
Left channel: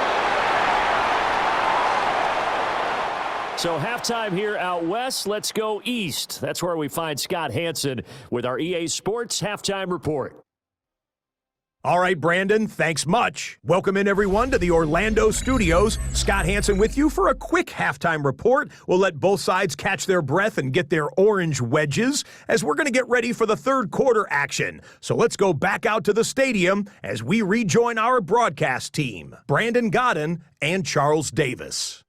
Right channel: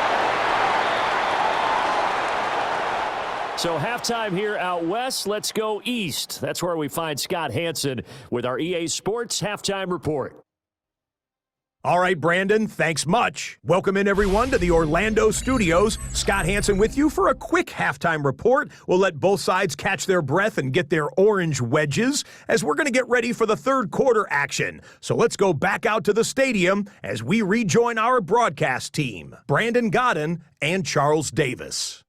So halftime here out west. Let's go east. That's where we find Scott Hansen with our EA Sports Halftime Report. All right, Brandon, thanks much. Welcome in, everyone, to the Orlando studios. Scott Hansen with you for a quick halftime report. We'll let both sides catch their breath and get their orange wedges as we're going to get ready for the third quarter action. So let's go back out to the stadium as we rejoin our broadcast team, Brandon Godden and Charles Davis.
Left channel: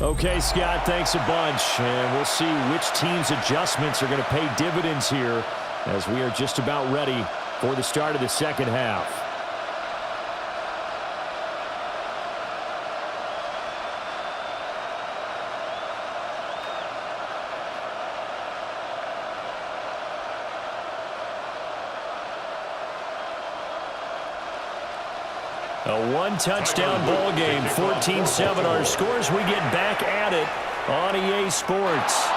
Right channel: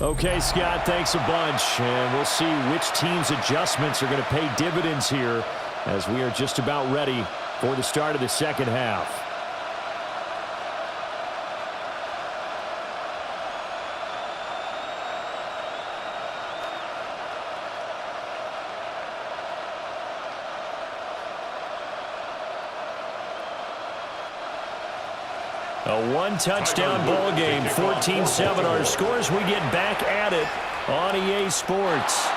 Okay, Scott, thanks a bunch. And we'll see which team's adjustments are going to pay dividends here as we are just about ready for the start of the second half. A one-touchdown ball game, 14-7 our scores. We get back at it on EA Sports.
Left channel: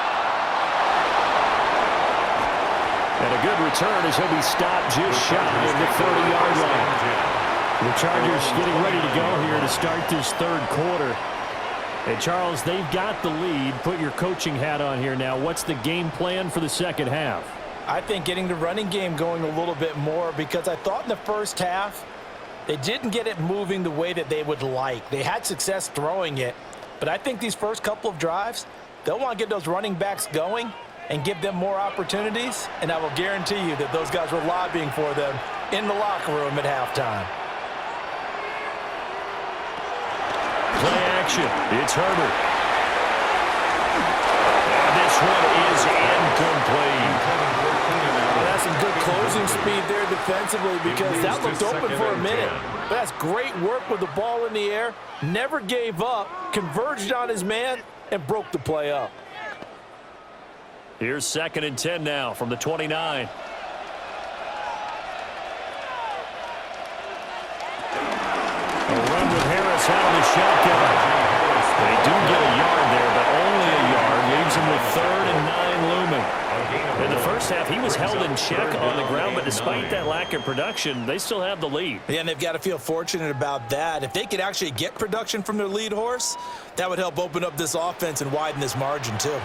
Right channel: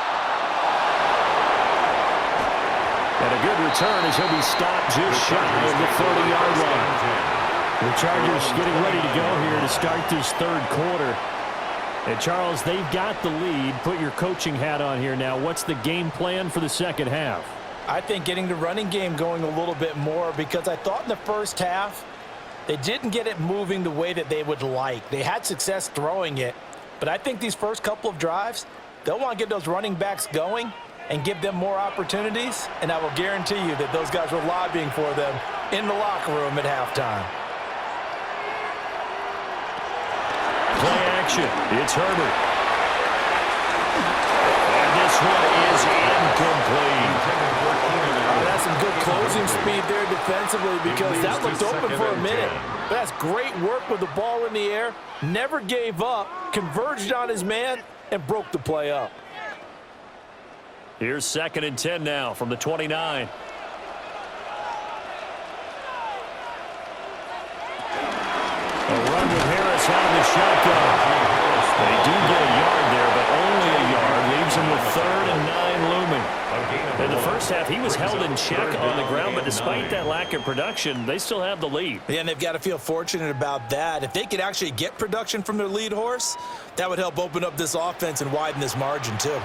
And a good return as he'll be stopped just shy of the 30-yard line. The Chargers getting ready to go here to start this third quarter. And, Charles, they've got the lead. Put your coaching hat on here now. What's the game plan for the second half? I think getting the running game going a little bit more, because I thought in the first half they didn't get it moving the way that they would like. They had success throwing it, but I think these first couple of drives, they'll want to get those running backs going and give them more opportunities, and I will guarantee you that those guys were lobbying for them in the locker room at halftime. Play action. It's Herbert. And this one is incomplete. That's some good closing speed there defensively, because that looked open for a minute. But that's great work with the ball in the air. Never gave up, converged on his man, and broke the play up. Here's 2nd and 10 now from the 29. A run with Harris out of the shotgun. They do get a yard there, but only a yard. Leaves him with 3rd and 9 looming. In the first half, he was held in check on the ground, but despite that lack of production, they still have the lead. Yeah, and they've got to feel fortunate about that. If they could actually get production from their lead horse, that would help open up this offense and widen this margin too.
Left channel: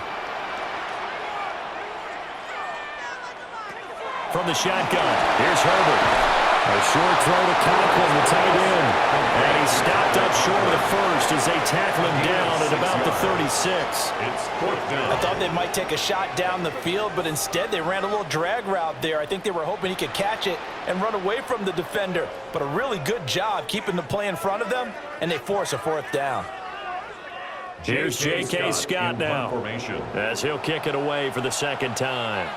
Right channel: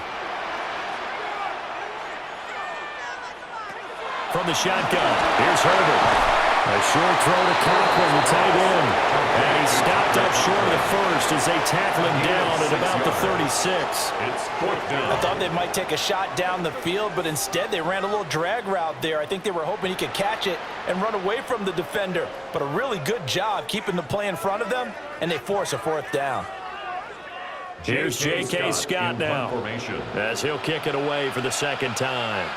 From the shotgun, here's Herbert. A short throw to Conklin, the tight end. And he stopped up short of the first as they tackle him down at about the 36. It's 4th down. I thought they might take a shot down the field, but instead they ran a little drag route there. I think they were hoping he could catch it and run away from the defender. But a really good job keeping the play in front of them, and they force a 4th down. Here's J.K. Scott now as he'll kick it away for the second time.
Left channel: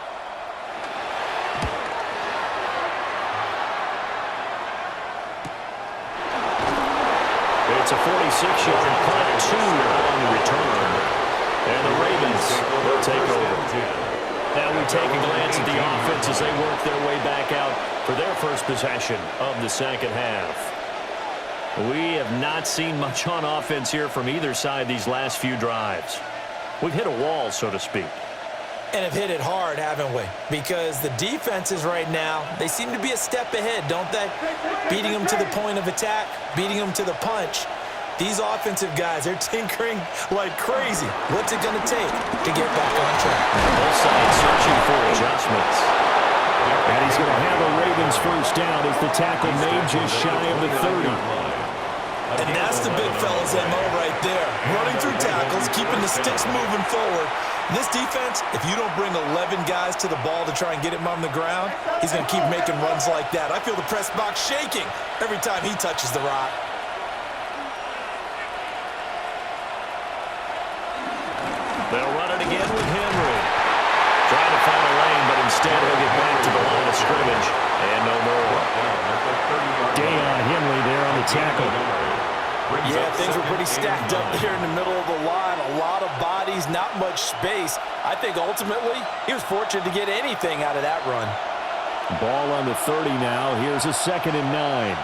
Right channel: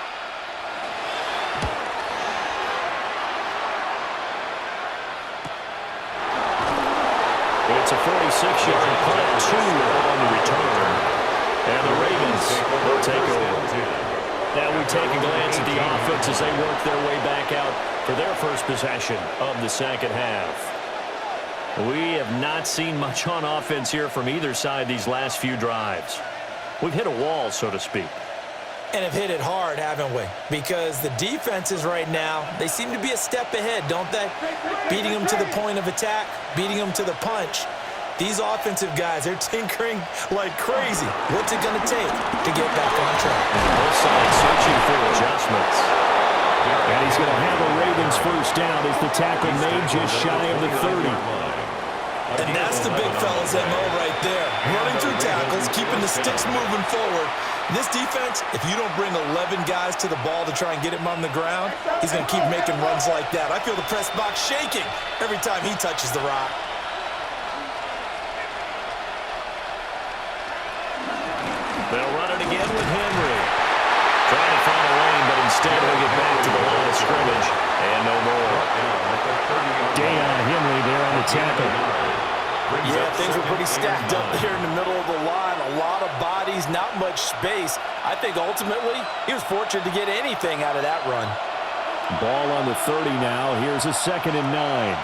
It's a 46-yard punt, 2 on the return. And the Ravens will take over. Now we take a glance at the offense as they work their way back out for their first possession of the second half. We have not seen much on offense here from either side these last few drives. We've hit a wall, so to speak. And have hit it hard, haven't we? Because the defenses right now, they seem to be a step ahead, don't they? Beating them to the point of attack, beating them to the punch. These offensive guys, they're tinkering like crazy. What's it going to take to get back on track? Both sides searching for adjustments. And he's going to have a Ravens first down as the tackle made just shy of the 30. And that's the big fella's MO right there. Running through tackles, keeping the sticks moving forward. And this defense, if you don't bring 11 guys to the ball to try and get him on the ground, he's going to keep making runs like that. I feel the press box shaking every time he touches the rock. They'll run it again with Henry. Trying to find a lane, but instead he'll get back to the line of scrimmage. And no more. Deion Henley there on the tackle. Yeah, things were pretty stacked up there in the middle of the line. A lot of bodies, not much space. I think ultimately he was fortunate to get anything out of that run. Ball on the 30 now. Here's a 2nd and 9.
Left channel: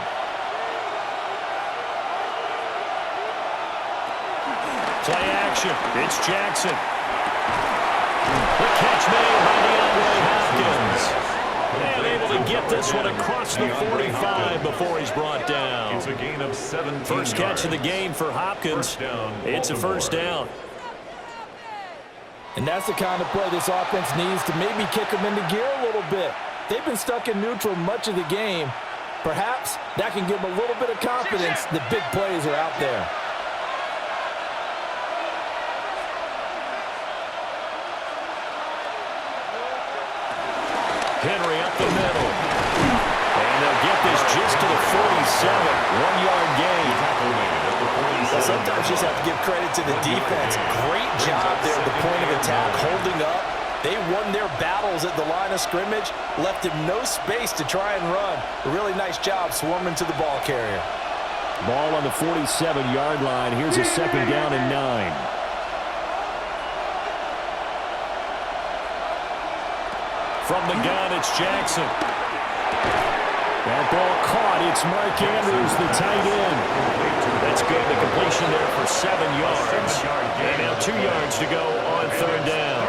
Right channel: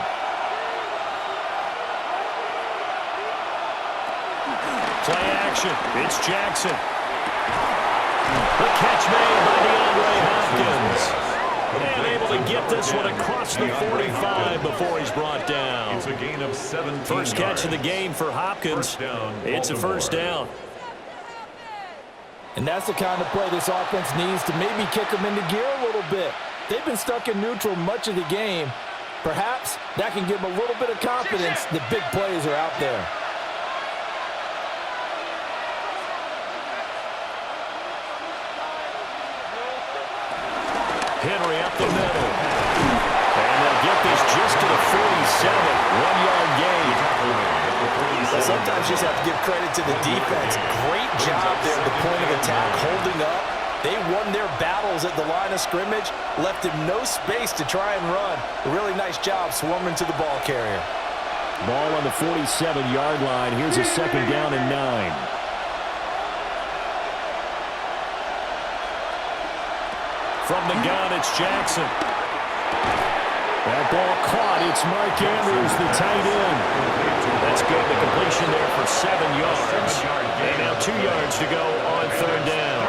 Play action. It's Jackson. The catch made by DeAndre Hopkins. And able to get this one across the 45 before he's brought down. It's a gain of 17 First catch of the game for Hopkins. It's a first down. And that's the kind of play this offense needs to maybe kick them into gear a little bit. They've been stuck in neutral much of the game. Perhaps that can give them a little bit of confidence that big plays are out there. Henry up the middle. And they'll get this just to the 47. 1-yard gain. Well, sometimes you just have to give credit to the defense. Great job there at the point of attack, holding up. They won their battles at the line of scrimmage, left him no space to try and run. A really nice job swarming to the ball carrier. Ball on the 47-yard line. Here's a 2nd down and 9. From the gun, it's Jackson. That ball caught. It's Mark Andrews, the tight end. That's good. The completion there for 7 yards. And now 2 yards to go on 3rd down.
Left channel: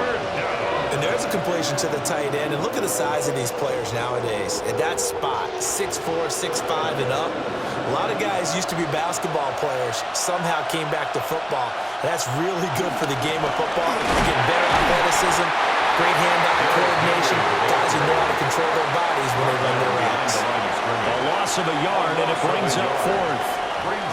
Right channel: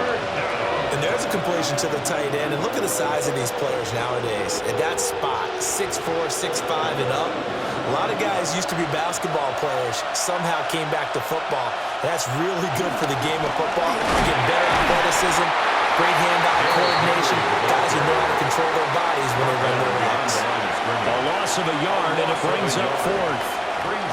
And there's a completion to the tight end. And look at the size of these players nowadays. At that spot, 6'4", 6'5", and up. A lot of guys used to be basketball players, somehow came back to football. And that's really good for the game of football. You're getting better athleticism, great hand-eye coordination. Guys who know how to control their bodies when they run their routes. A loss of a yard, and it brings up 4th.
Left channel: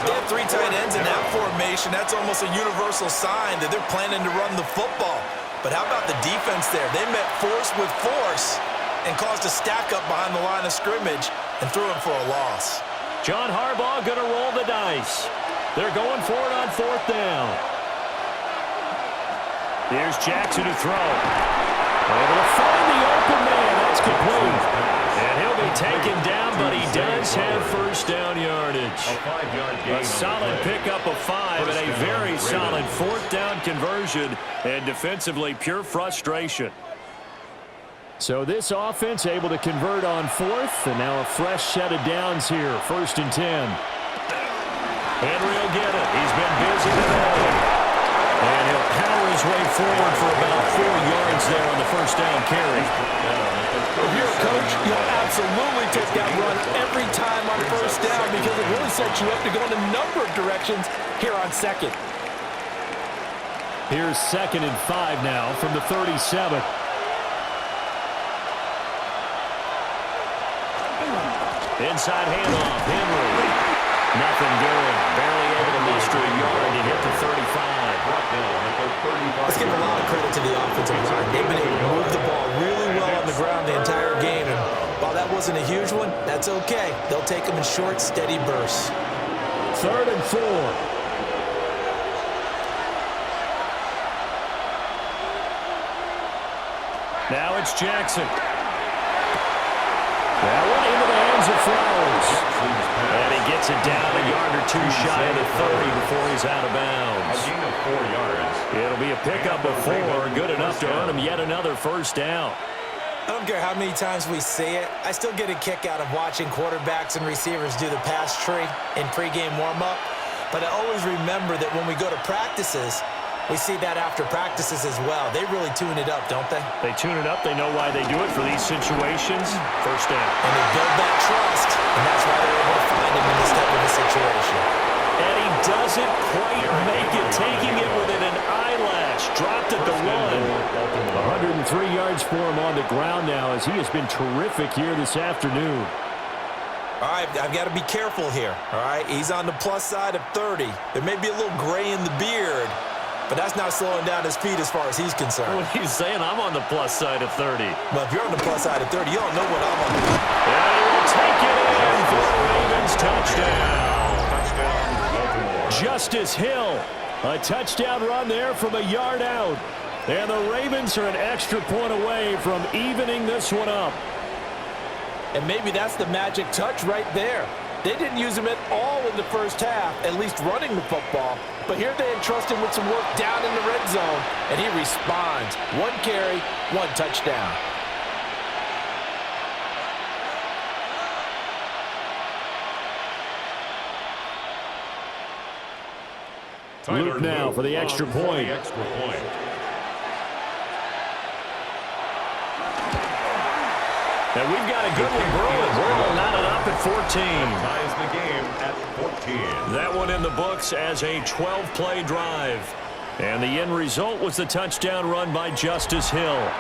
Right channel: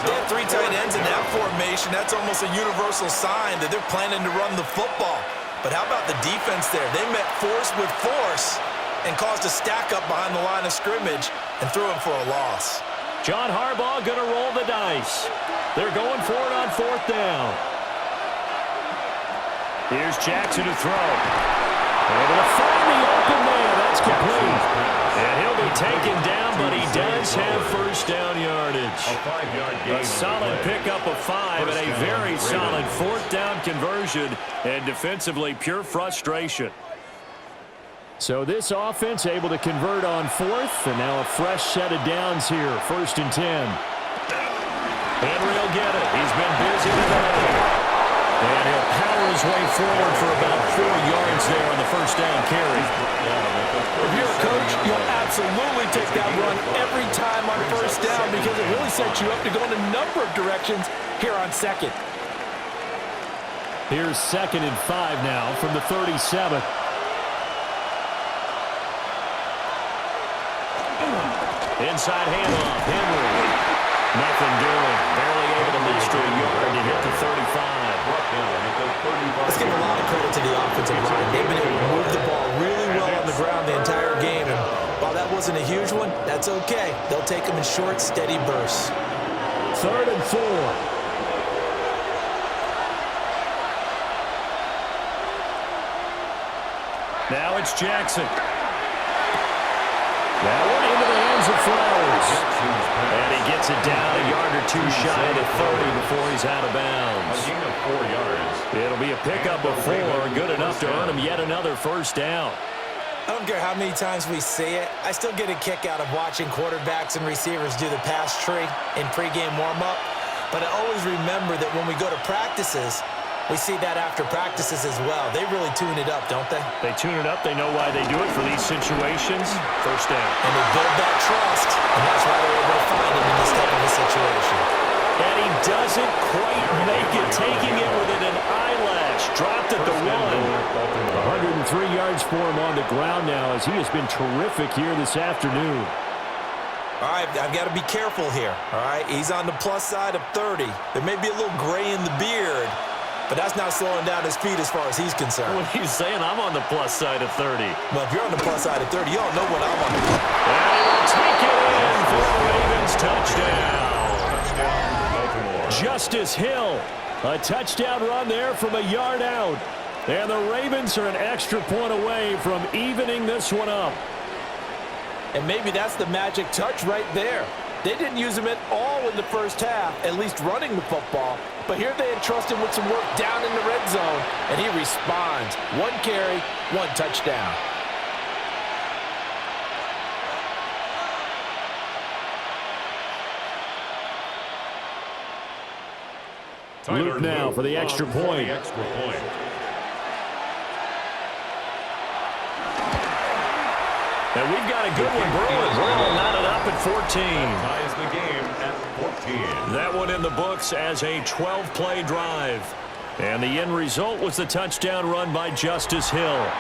They have 3 tight ends in that formation. That's almost a universal sign that they're planning to run the football. But how about the defense there? They met force with force and caused a stack up behind the line of scrimmage and threw him for a loss. John Harbaugh going to roll the dice. They're going for it on 4th down. Here's Jackson to throw. Able to find the open man. That's complete. And he'll be taken down, but he does have first down yardage. A 5-yard gain. A solid pickup of 5 and a very solid 4th down conversion. And defensively, pure frustration. So this offense able to convert on 4th, and now a fresh set of downs here. 1st and 10. Henry will get it. He's been busy today. And he'll power his way forward for about 4 yards there on the first down carry. If you're a coach, you'll absolutely take that run every time on first down because it really sets you up to go in a number of directions here on 2nd. Here's 2nd and 5 now from the 37. Inside handoff, Henry. Nothing doing. Barely able to muster a yard to hit the 35. Let's give a lot of credit to the offensive line. They've been able to move the ball really well on the ground the entire game. And while that wasn't a huge one, that's okay. They'll take them in short, steady bursts. 3rd and 4. Now it's Jackson. That one into the hands of Flowers. And he gets it down a yard or 2 shy of the 30 before he's out of bounds. A gain of 4 yards. It'll be a pickup of 4, good enough to earn him yet another first down. I don't care how many times we see it. I still get a kick out of watching quarterbacks and receivers do the pass tree in pregame warm-up. But I always remember that when we go to practices, we see that after practices as well. They really tune it up, don't they? They tune it up. They know why they do it for these situations. First down. And they build that trust, and that's why they're able to find him in this type of a situation. And he doesn't quite make it, taking it within an eyelash. Dropped at the 1. 103 yards for him on the ground now as he has been terrific here this afternoon. All right, I've got to be careful here, all right? He's on the plus side of 30. There may be a little gray in the beard, but that's not slowing down his feet as far as he's concerned. What are you saying? I'm on the plus side of 30. Well, if you're on the plus side of 30, you don't know what I'm on the plus. And he will take it in for the Ravens touchdown. Baltimore. Justice Hill, a touchdown run there from a yard out. And the Ravens are an extra point away from evening this one up. And maybe that's the magic touch right there. They didn't use him at all in the first half, at least running the football. But here they entrust him with some work down in the red zone, and he responds. 1 carry, 1 touchdown. Luke now for the extra point. And we've got a good one brewing. We're all knotted up at 14. Ties the game at 14. That one in the books as a 12-play drive. And the end result was the touchdown run by Justice Hill.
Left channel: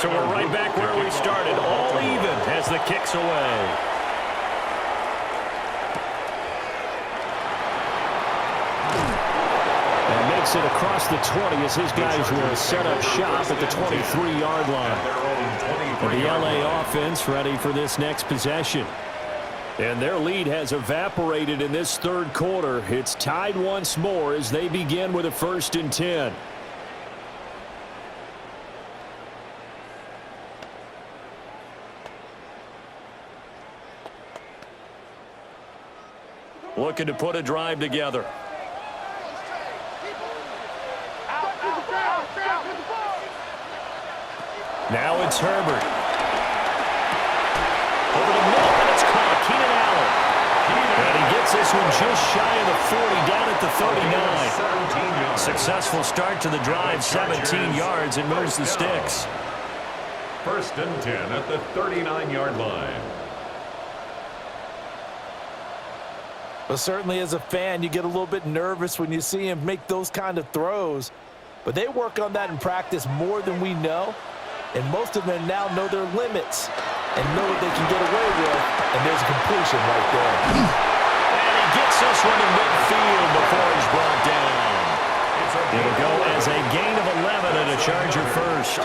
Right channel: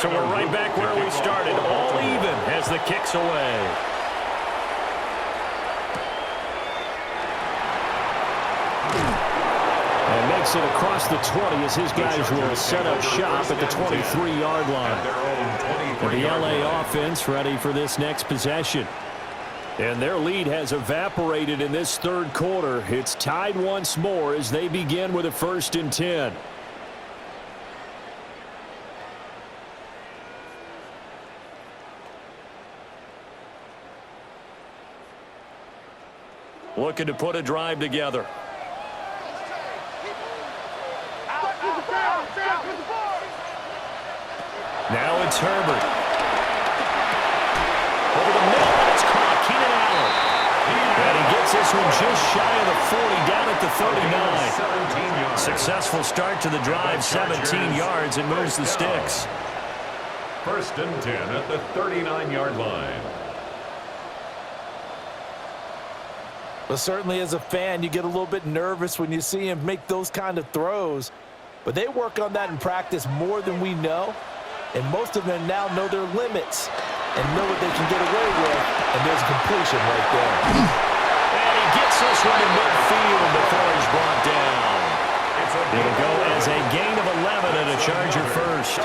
So we're right back where we started, all even as the kick's away. And makes it across the 20 as his guys will set up shop at the 23-yard line. And the LA offense ready for this next possession. And their lead has evaporated in this third quarter. It's tied once more as they begin with a 1st and 10. Looking to put a drive together. Now it's Herbert. Over the middle, and it's caught. Keenan Allen. And he gets this one just shy of the 40, down at the 39. Successful start to the drive, 17 yards, and moves the sticks. 1st and 10 at the 39-yard line. Well, certainly as a fan, you get a little bit nervous when you see him make those kind of throws. But they work on that in practice more than we know. And most of them now know their limits and know what they can get away with. And there's a completion right there. And he gets this one in midfield before he's brought down. It'll go as a gain of 11 and a Charger first.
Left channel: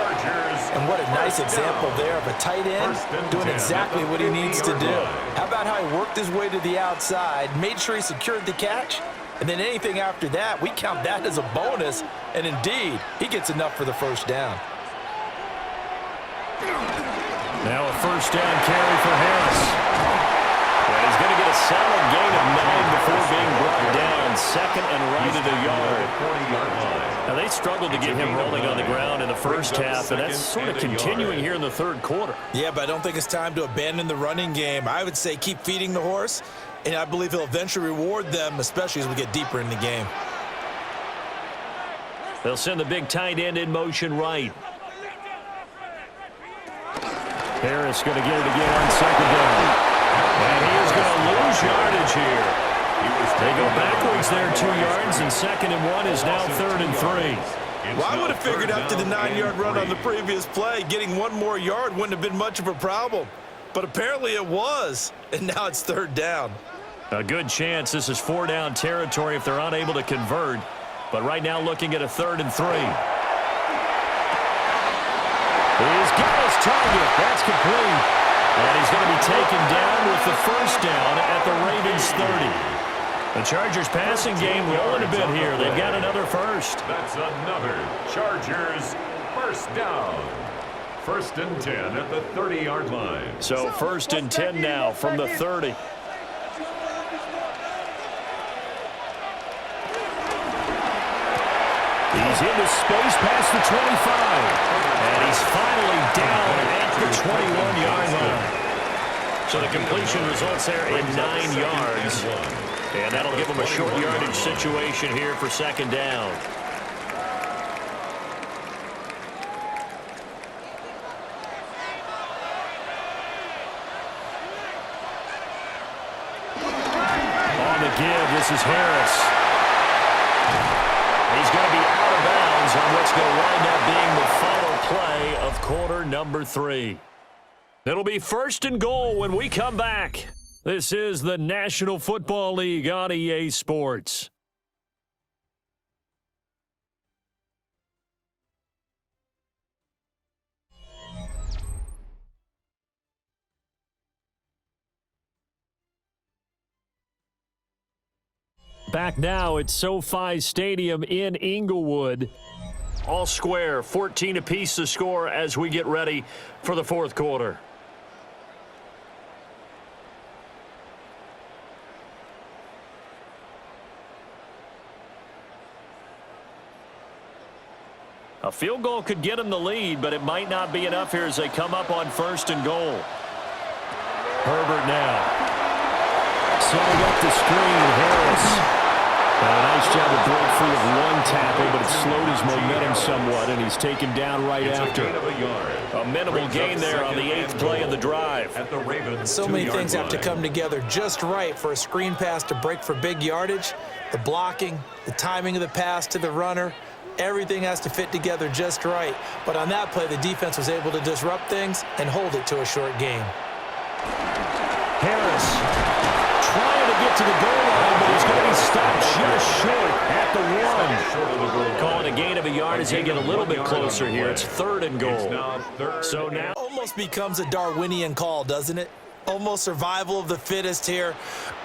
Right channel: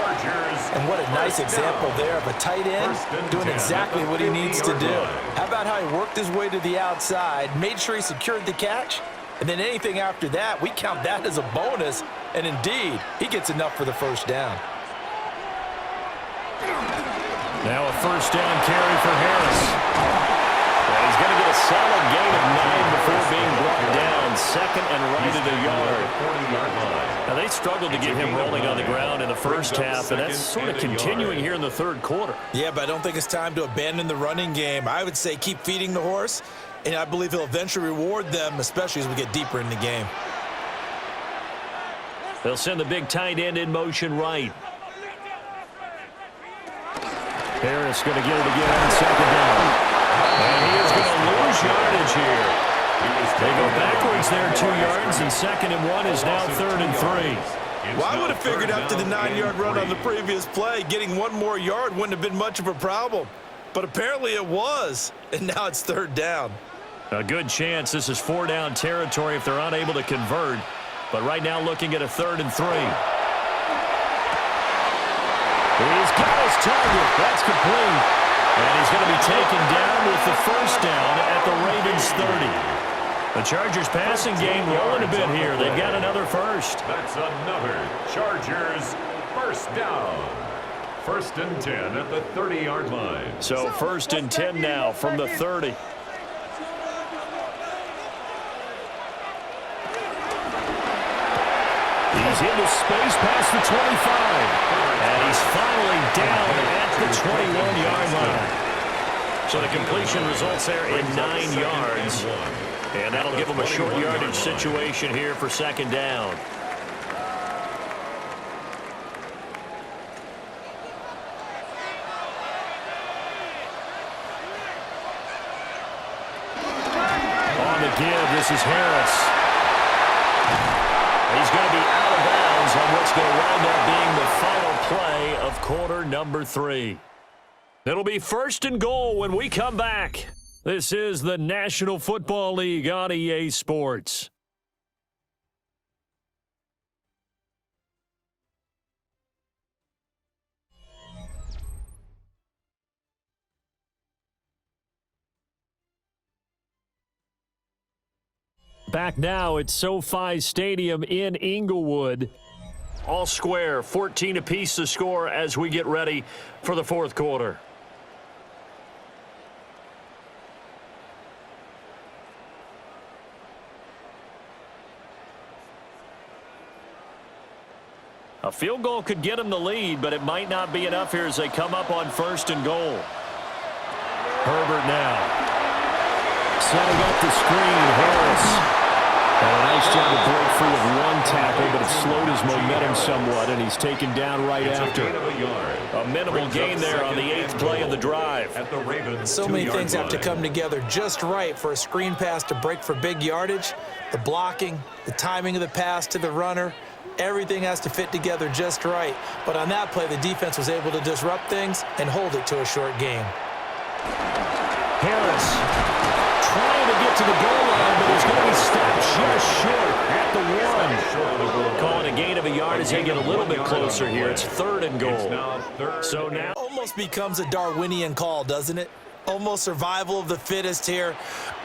And what a nice example there of a tight end doing exactly what he needs to do. How about how he worked his way to the outside, made sure he secured the catch, and then anything after that, we count that as a bonus. And indeed, he gets enough for the 1st down. Now a 1st down carry for Harris. And he's going to get a solid gain of 9 before being brought down. 2nd and right at a yard. Now they struggled to get him rolling on the ground in the first half, and that's sort of continuing here in the third quarter. Yeah, but I don't think it's time to abandon the running game. I would say keep feeding the horse, and I believe he'll eventually reward them, especially as we get deeper in the game. They'll send the big tight end in motion right. Harris going to get it again on 2nd down. And he is going to lose yardage here. They go backwards there 2 yards, and 2nd and 1 is now 3rd and 3. Well, I would have figured after the 9-yard run on the previous play, getting 1 more yard wouldn't have been much of a problem. But apparently it was, and now it's 3rd down. A good chance this is 4-down territory if they're unable to convert. But right now looking at a 3rd and 3. He's got his target. That's complete. And he's going to be taken down with the 1st down at the Ravens 30. The Chargers passing game rolling a bit here. They've got another 1st. That's another Chargers 1st down. 1st and 10 at the 30-yard line. So 1st and 10 now from the 30. He's into space past the 25. And he's finally down at the 21-yard line. So the completion results there in 9 yards. And that'll give him a short yardage situation here for 2nd down. On the give, this is Harris. He's going to be out of bounds on what's going to wind up being the final play of quarter number 3. It'll be 1st and goal when we come back. This is the National Football League on EA Sports. Back now at SoFi Stadium in Inglewood. All square, 14 apiece to score as we get ready for the fourth quarter. A field goal could get them the lead, but it might not be enough here as they come up on 1st and goal. Herbert now. Setting up the screen, Harris. And a nice job to break free of one tackle, but it slowed his momentum somewhat, and he's taken down right after. A minimal gain there on the 8th play of the drive. So many things have to come together just right for a screen pass to break for big yardage. The blocking, the timing of the pass to the runner, everything has to fit together just right. But on that play, the defense was able to disrupt things and hold it to a short game. Harris trying to get to the goal line, but he's going to be stopped just short at the 1. Calling a gain of a yard as they get a little bit closer here. It's 3rd and goal. So now Almost becomes a Darwinian call, doesn't it? Almost survival of the fittest here.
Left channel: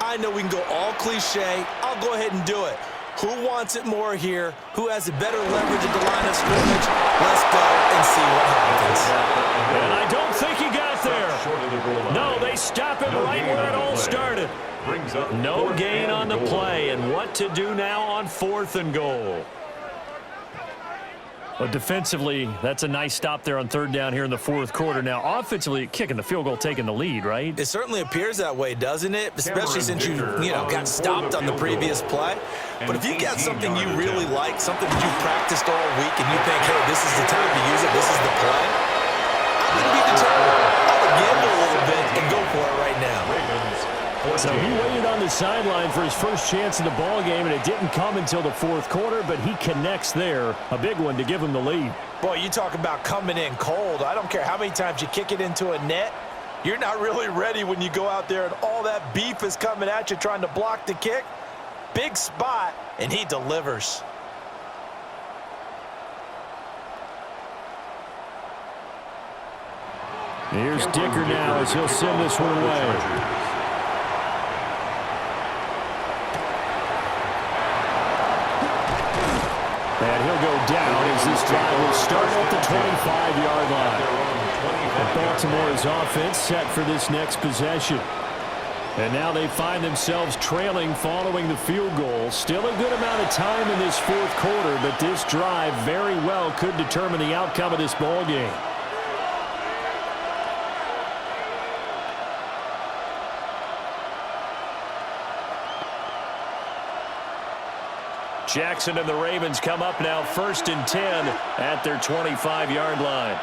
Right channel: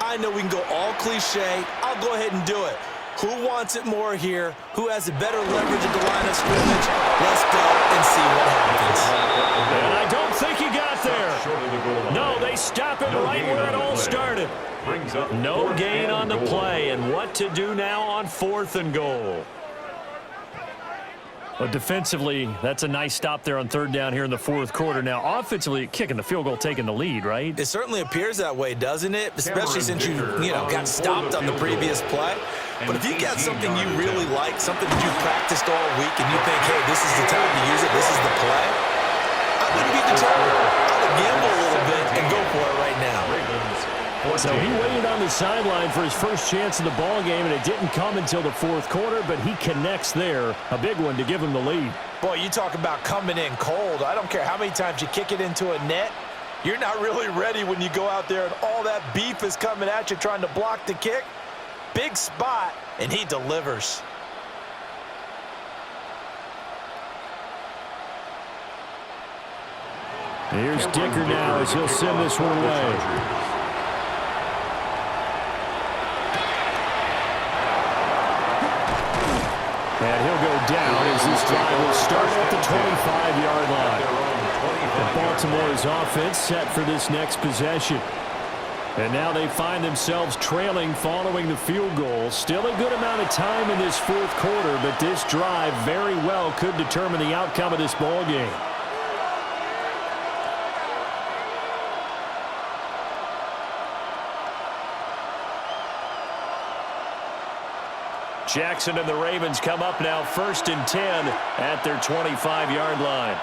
I know we can go all cliche. I'll go ahead and do it. Who wants it more here? Who has a better leverage at the line of scrimmage? Let's go and see what happens. And I don't think he got there. No, they stop him right where it all started. No gain on the play, and what to do now on 4th and goal. But defensively, that's a nice stop there on 3rd down here in the 4th quarter. Now, offensively, kicking the field goal, taking the lead, right? It certainly appears that way, doesn't it? Especially since you got stopped on the previous play. But if you got something you really like, something that you've practiced all week, and you think, hey, this is the time to use it, this is the play, I wouldn't be deterred. I would gamble a little bit and go for it right now. So he waited on the sideline for his first chance in the ball game, and it didn't come until the 4th quarter, but he connects there. A big one to give him the lead. Boy, you talk about coming in cold. I don't care how many times you kick it into a net. You're not really ready when you go out there and all that beef is coming at you trying to block the kick. Big spot, and he delivers. Here's Dicker now as he'll send this one away. And he'll go down as this drive will start at the 25-yard line. And Baltimore's offense set for this next possession. And now they find themselves trailing following the field goal. Still a good amount of time in this 4th quarter, but this drive very well could determine the outcome of this ball game. Jackson and the Ravens come up now 1st and 10 at their 25-yard line.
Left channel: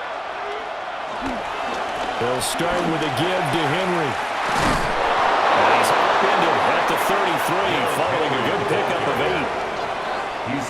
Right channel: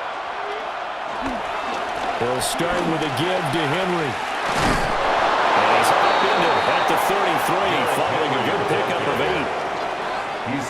They'll start with a give to Henry. And he's upended at the 33 following a good pickup of 8.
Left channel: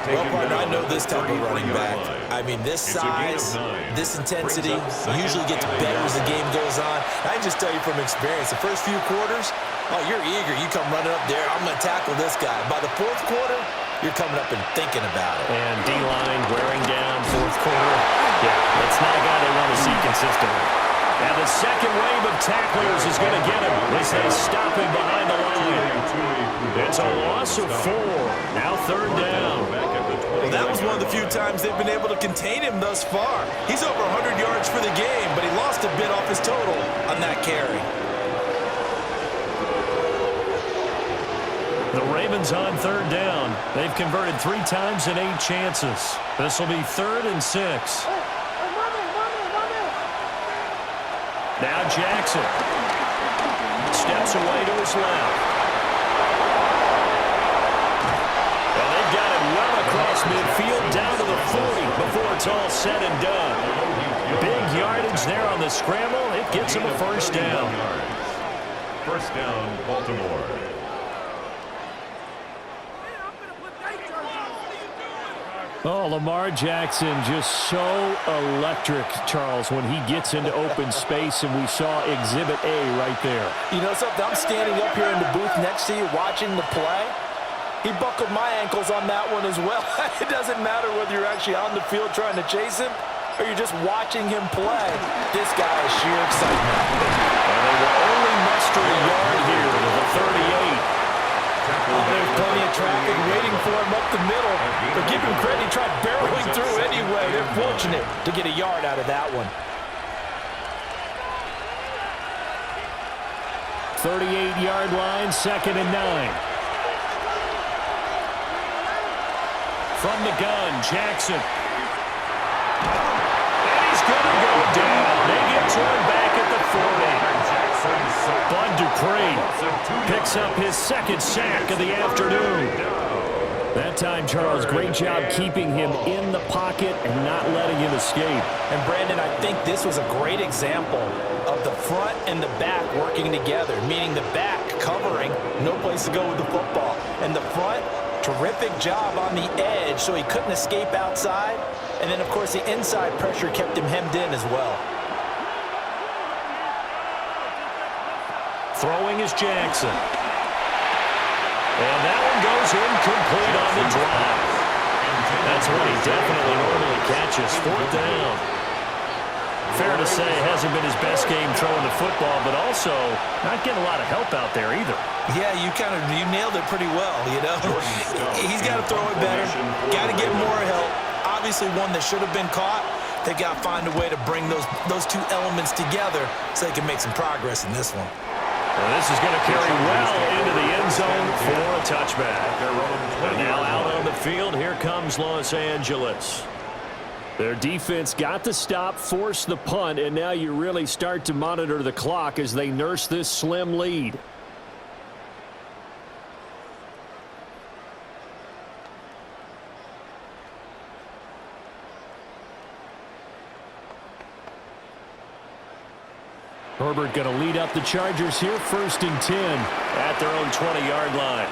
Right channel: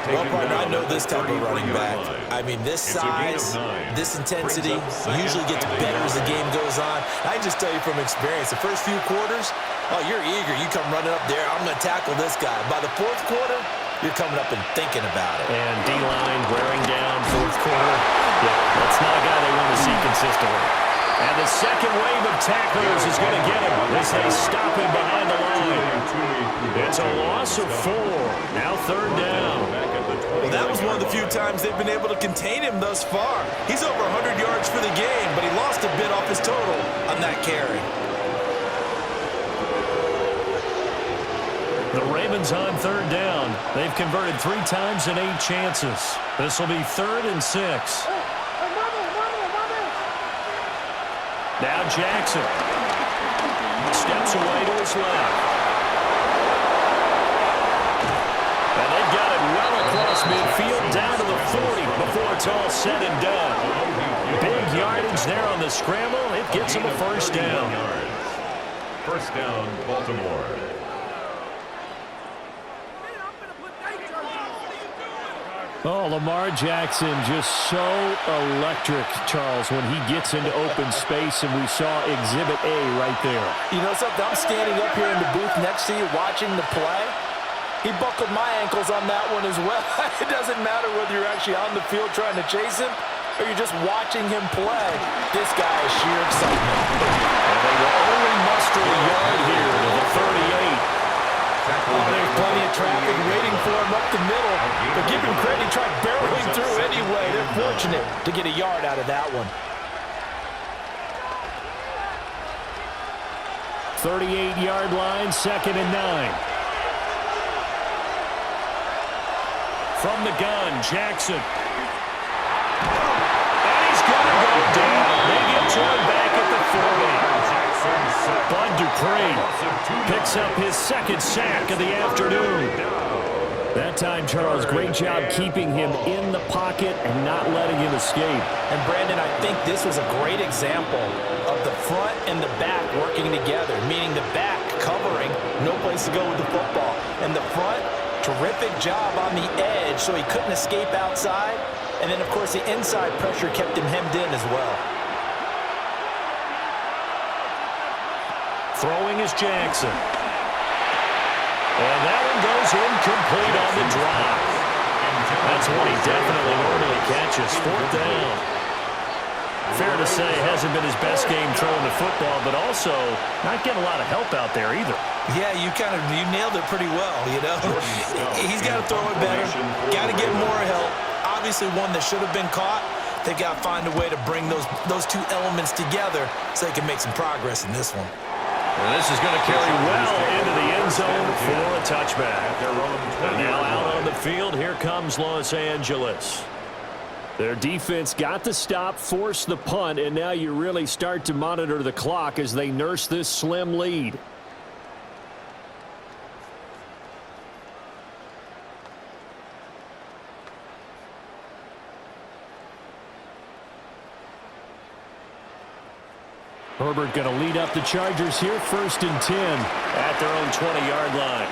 Well, partner, I know this type of running back. I mean, this size, this intensity usually gets better as the game goes on. I just tell you from experience, the first few quarters, oh, you're eager. You come running up there, I'm going to tackle this guy. By the 4th quarter, you're coming up and thinking about it. And D-line wearing down 4th quarter. Yeah, that's not a guy they want to see consistently. And the second wave of tacklers is going to get him as they stop him behind the line. It's a loss of 4. Now 3rd down. Well, that was one of the few times they've been able to contain him thus far. He's over 100 yards for the game, but he lost a bit off his total on that carry. The Ravens on 3rd down. They've converted 3 times in 8 chances. This will be 3rd and 6. Now Jackson steps away to his left. And they've got it well across midfield down to the 40 before it's all said and done. Big yardage there on the scramble. It gets him a 1st down. 1st down, Baltimore. Oh, Lamar Jackson just so electric, Charles, when he gets into open space, and we saw Exhibit A right there. You know something? I'm standing up here in the booth next to you watching the play. He buckled my ankles on that one as well. It doesn't matter whether you're actually on the field trying to chase him or you're just watching him play. This guy is sheer excitement. And they will only muster a yard here to the 38. Oh, there's plenty of traffic waiting for him up the middle. But give him credit, he tried barreling through anyway. They're fortunate to get a yard out of that one. 38-yard line, 2nd and 9. From the gun, Jackson. And he's going to go down. They get to him back at the 40. Bud Dupree picks up his 2nd sack of the afternoon. That time, Charles, great job keeping him in the pocket and not letting him escape. And, Brandon, I think this was a great example of the front and the back working together, meaning the back covering, no place to go with the football. And the front, terrific job on the edge so he couldn't escape outside. And then, of course, the inside pressure kept him hemmed in as well. Throwing is Jackson. And that one goes incomplete on the drive. That's one he definitely normally catches. 4th down. Fair to say, hasn't been his best game throwing the football, but also not getting a lot of help out there either. Yeah, you nailed it pretty well, you know. He's got to throw it better, got to get more help. Obviously one that should have been caught. They've got to find a way to bring those two elements together so they can make some progress in this one. And this is going to carry well into the end zone for a touchback. And now out on the field, here comes Los Angeles. Their defense got the stop, forced the punt, and now you really start to monitor the clock as they nurse this slim lead. Herbert going to lead up the Chargers here, 1st and 10 at their own 20-yard line.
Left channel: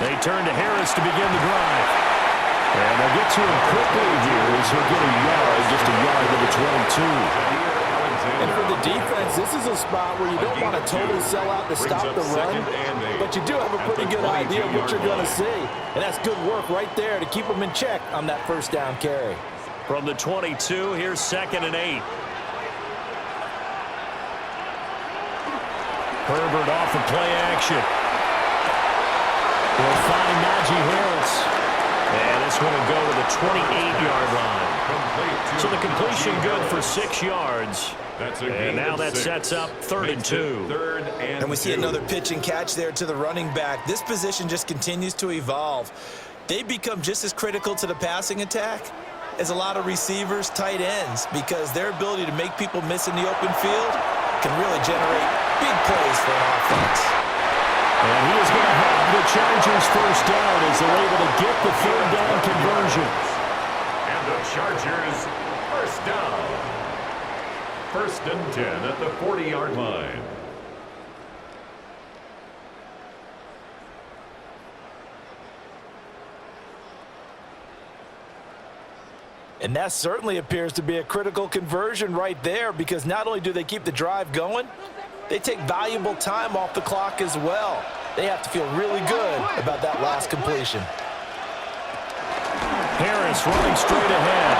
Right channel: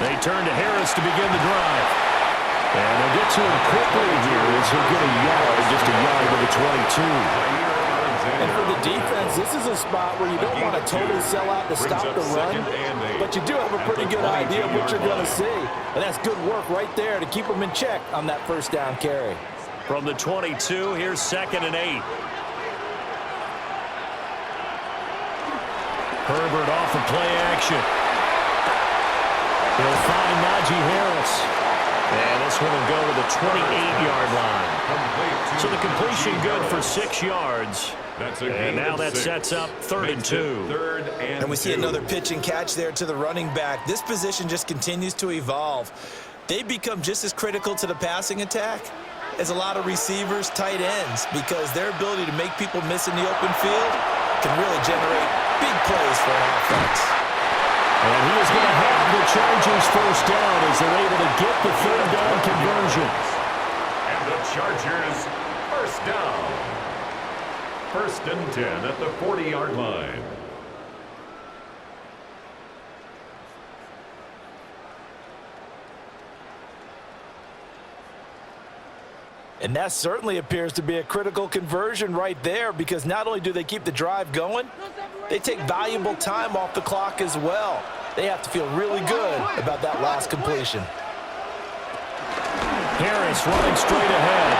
They turn to Harris to begin the drive. And they'll get to him quickly here as he'll get a yard, just a yard to the 22. And for the defense, this is a spot where you don't want to totally sell out to stop the run, but you do have a pretty good idea of what you're going to see. And that's good work right there to keep them in check on that 1st down carry. From the 22, here's 2nd and 8. Herbert off of play action. He'll find Najee Harris. And this one will go to the 28-yard line. So the completion good for 6 yards. And now that sets up 3rd and 2. And we see another pitch and catch there to the running back. This position just continues to evolve. They become just as critical to the passing attack as a lot of receivers, tight ends, because their ability to make people miss in the open field can really generate big plays for an offense. And he is going to have the Chargers 1st down as they're able to get the 3rd down conversion. And the Chargers 1st down. 1st and 10 at the 40-yard line. And that certainly appears to be a critical conversion right there, because not only do they keep the drive going, they take valuable time off the clock as well. They have to feel really good about that last completion. Harris running straight ahead.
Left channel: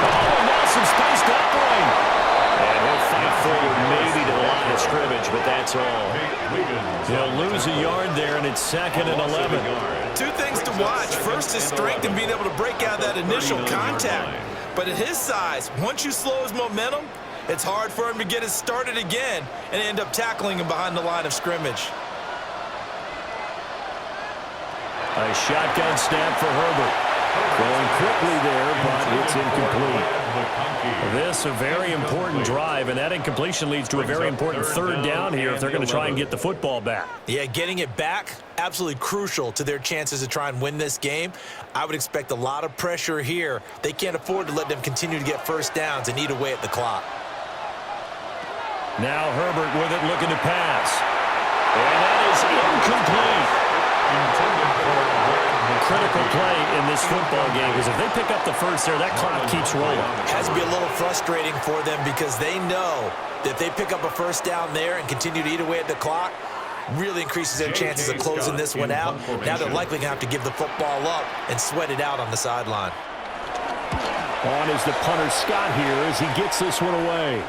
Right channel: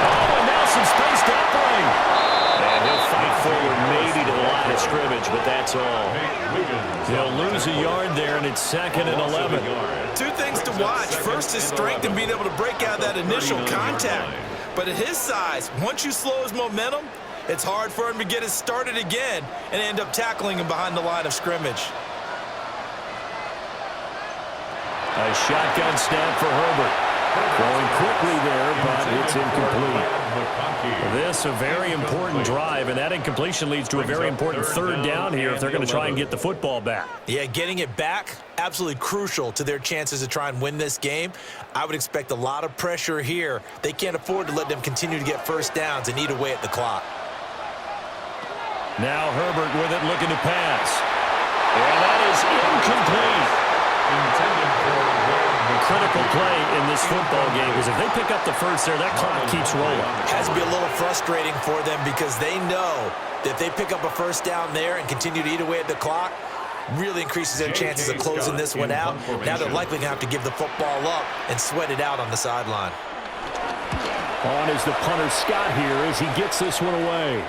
Oh, and now some space to operate. And he'll fight forward maybe to the line of scrimmage, but that's all. He'll lose a yard there, and it's 2nd and 11. 2 things to watch. First, his strength in being able to break out that initial contact. But at his size, once you slow his momentum, it's hard for him to get it started again and end up tackling him behind the line of scrimmage. A shotgun snap for Herbert. Throwing quickly there, but it's incomplete. This a very important drive, and that incompletion leads to a very important 3rd down here if they're going to try and get the football back. Yeah, getting it back, absolutely crucial to their chances to try and win this game. I would expect a lot of pressure here. They can't afford to let them continue to get 1st downs and eat away at the clock. Now Herbert with it, looking to pass. And that is incomplete. Intended for critical play in this football game, because if they pick up the 1st there, that clock keeps rolling. Has to be a little frustrating for them, because they know that if they pick up a 1st down there and continue to eat away at the clock, really increases their chances of closing this one out. Now they're likely going to have to give the football up and sweat it out on the sideline. On is the punter Scott here as he gets this one away.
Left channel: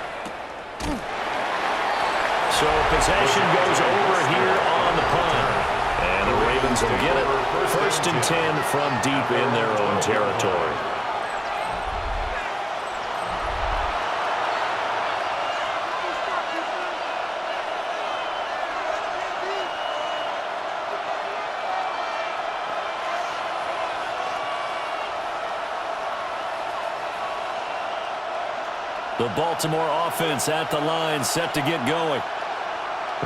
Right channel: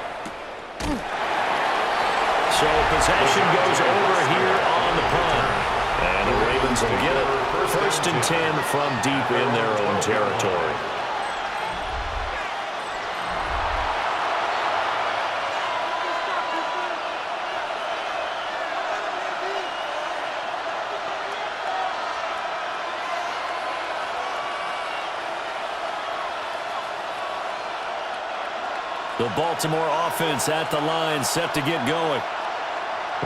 So possession goes over here on the punt. And the Ravens will get it. 1st and 10 from deep in their own territory. The Baltimore offense at the line, set to get going.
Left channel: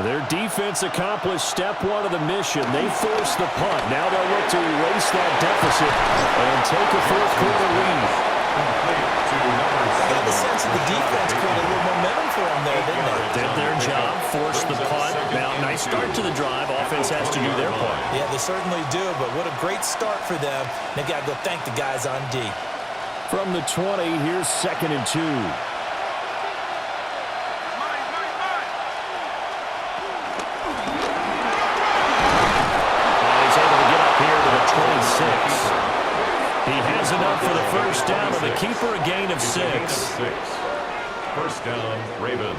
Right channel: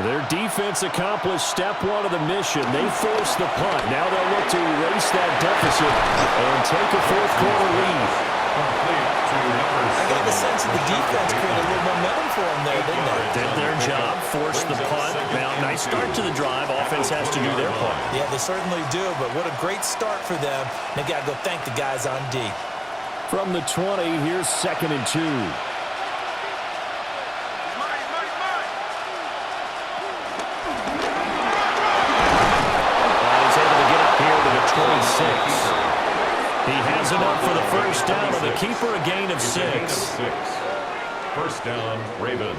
Their defense accomplished step one of the mission. They forced the punt. Now they'll look to erase that deficit and take a fourth-quarter lead. I got the sense that the defense created a little momentum for them there, didn't they? Did their job, forced the punt. Now, nice start to the drive. Offense has to do their part. Yeah, they certainly do, but what a great start for them. They got to go thank the guys on D. From the 20, here's 2nd and 2. Here to the 26. He has enough for the first down, and the keeper a gain of 6. 1st down, Ravens.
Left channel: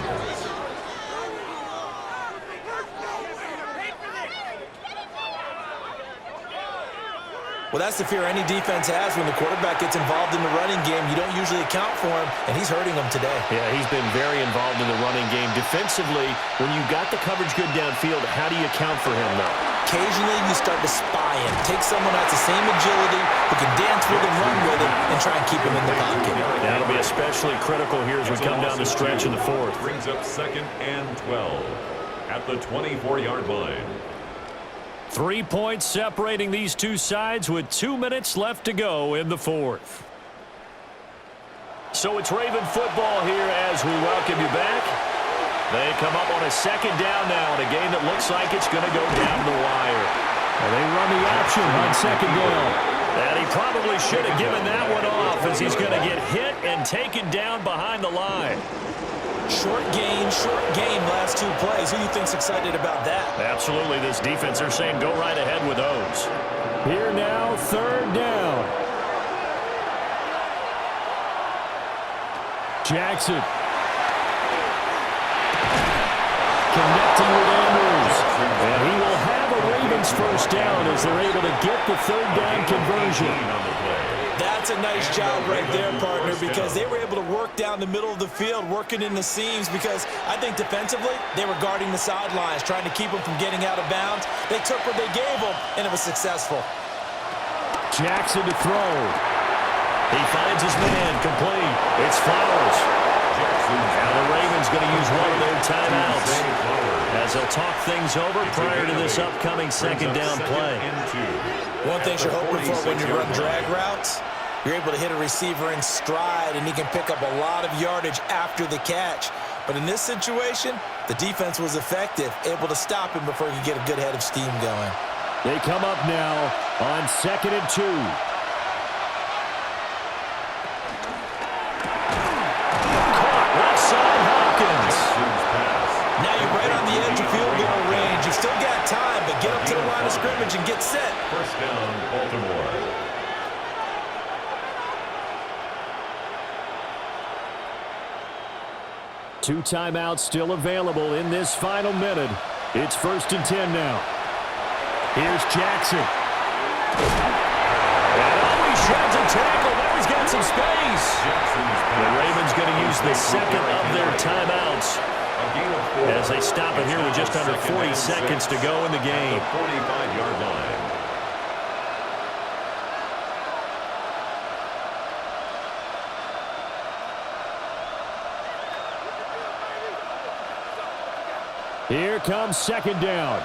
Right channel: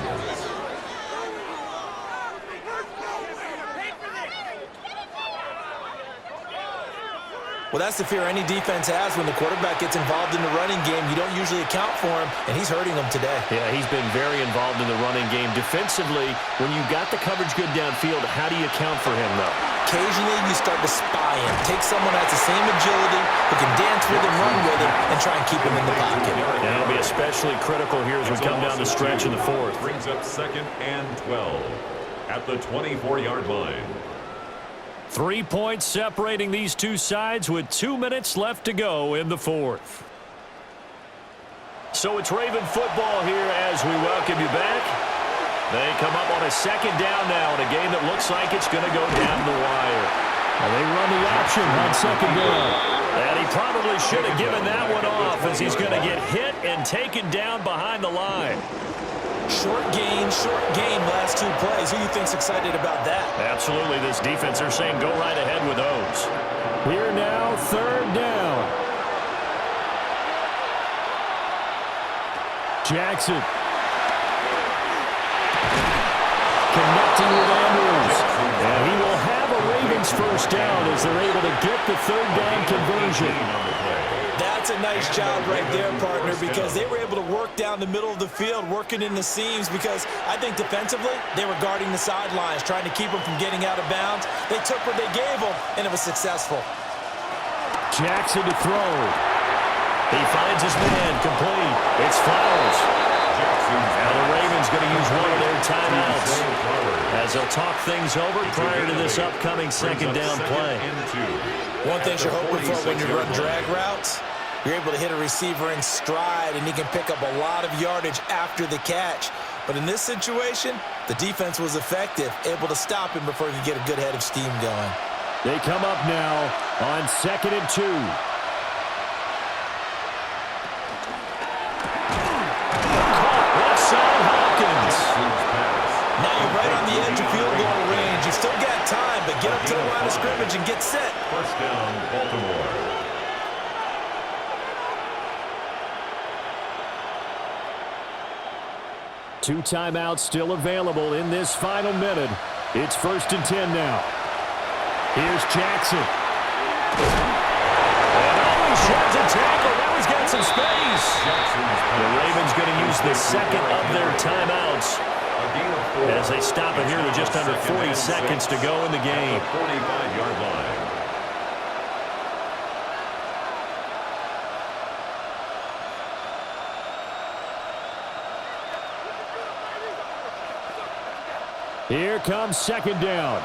Well, that's the fear any defense has when the quarterback gets involved in the running game. You don't usually account for him, and he's hurting them today. Yeah, he's been very involved in the running game. Defensively, when you got the coverage good downfield, how do you account for him, though? Occasionally, you start to spy him. Take someone that's the same agility, who can dance with him, run with him, and try and keep him in the pocket. That'll be especially critical here as we come down the stretch in the 4th. Brings up 2nd and 12 at the 24-yard line. 3 points separating these two sides with 2 minutes left to go in the 4th. So it's Raven football here as we welcome you back. They come up on a 2nd down now in a game that looks like it's going to go down the wire. And they run the option on 2nd down. And he probably should have given that one off as he's going to get hit and taken down behind the line. Short game, last 2 plays. Who do you think's excited about that? Absolutely. This defense, they're saying go right ahead with those. Here now, 3rd down. Jackson. Connecting with Andrews. And he will have a Ravens 1st down as they're able to get the 3rd down conversion. That's a nice job right there, partner, because they were able to work down the middle of the field, working in the seams, because I think defensively they were guarding the sidelines, trying to keep them from getting out of bounds. They took what they gave them, and it was successful. Jackson to throw. He finds his man, complete. It's Flowers. Now the Ravens going to use one of their timeouts as they'll talk things over prior to this upcoming 2nd down play. One thing you're hoping for when you run drag routes, you're able to hit a receiver in stride, and he can pick up a lot of yardage after the catch. But in this situation, the defense was effective, able to stop him before he could get a good head of steam going. They come up now on 2nd and 2. Now you're right on the edge of field goal range. You've still got time, but get up to the line of scrimmage and get set. 1st down, Baltimore. Two timeouts still available in this final minute. It's 1st and 10 now. Here's Jackson. And he sheds a tackle. Now he's got some space. The Ravens going to use the 2nd of their timeouts as they stop it here with just under 40 seconds to go in the game. 45-yard line. Here comes 2nd down.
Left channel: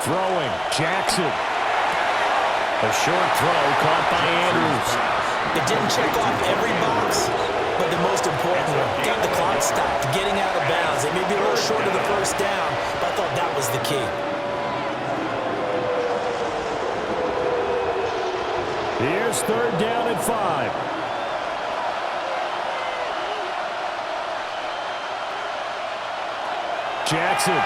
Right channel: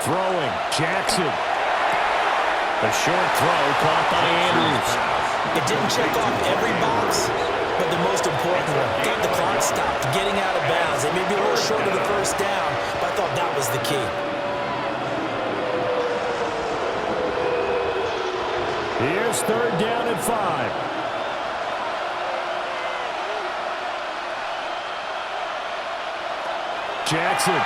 Throwing, Jackson. A short throw caught by Andrews. It didn't check off every box, but the most important one, got the clock stopped, getting out of bounds. They may be a little short of the 1st down, but I thought that was the key. Here's 3rd down and 5. Jackson.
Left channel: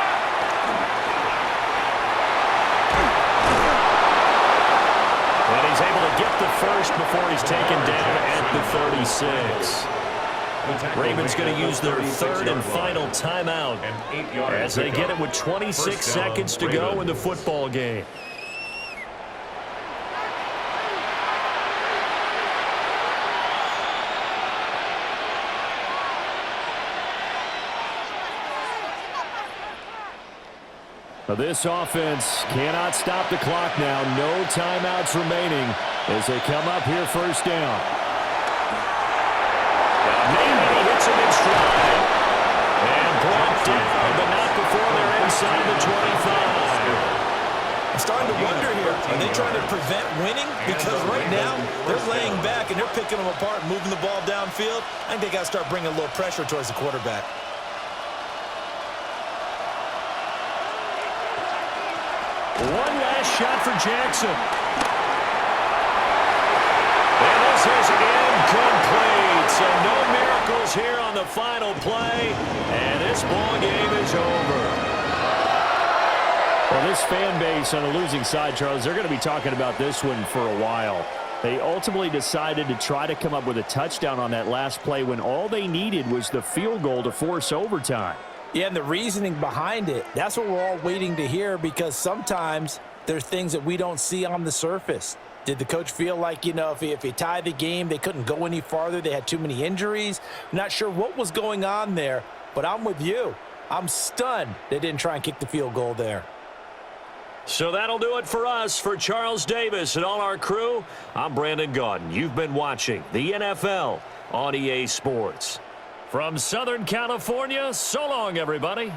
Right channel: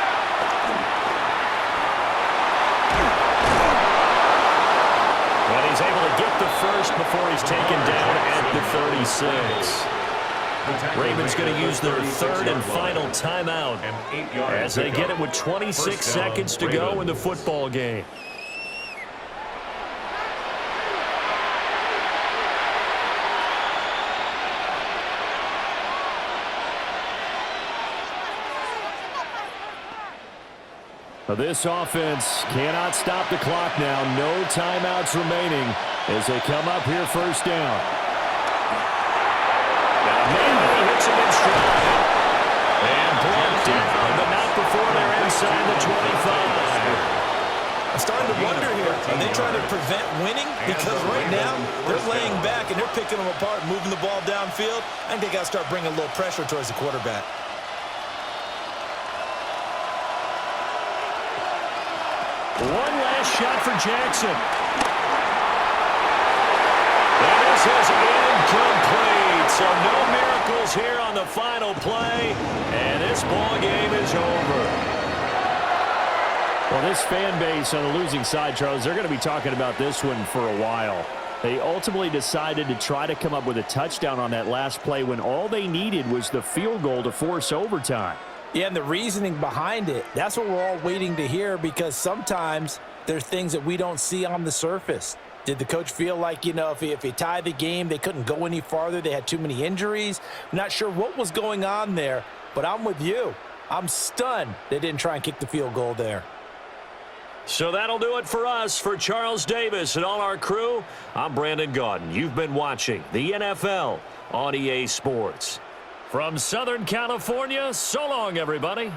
And he's able to get the first before he's taken down at the 36. Ravens going to use their third and final timeout as they get it with 26 seconds to go in the football game. This offense cannot stop the clock now. No timeouts remaining as they come up here first down. Got a man, and he hits him in stride. And brought down, but not before they're inside the 25. I'm starting to wonder here, are they trying to prevent winning? Because right now, they're laying back and they're picking them apart, moving the ball downfield. I think they got to start bringing a little pressure towards the quarterback. One last shot for Jackson. And this is incomplete. So no miracles here on the final play. And this ball game is over. Well, this fan base on the losing side, Charles, they're going to be talking about this one for a while. They ultimately decided to try to come up with a touchdown on that last play when all they needed was the field goal to force overtime. Yeah, and the reasoning behind it, that's what we're all waiting to hear, because sometimes there's things that we don't see on the surface. Did the coach feel like, you know, if he tied the game, they couldn't go any farther, they had too many injuries? I'm not sure what was going on there, but I'm with you. I'm stunned they didn't try and kick the field goal there. So that'll do it for us. For Charles Davis and all our crew, I'm Brandon Gaudin. You've been watching the NFL on EA Sports. From Southern California, so long, everybody.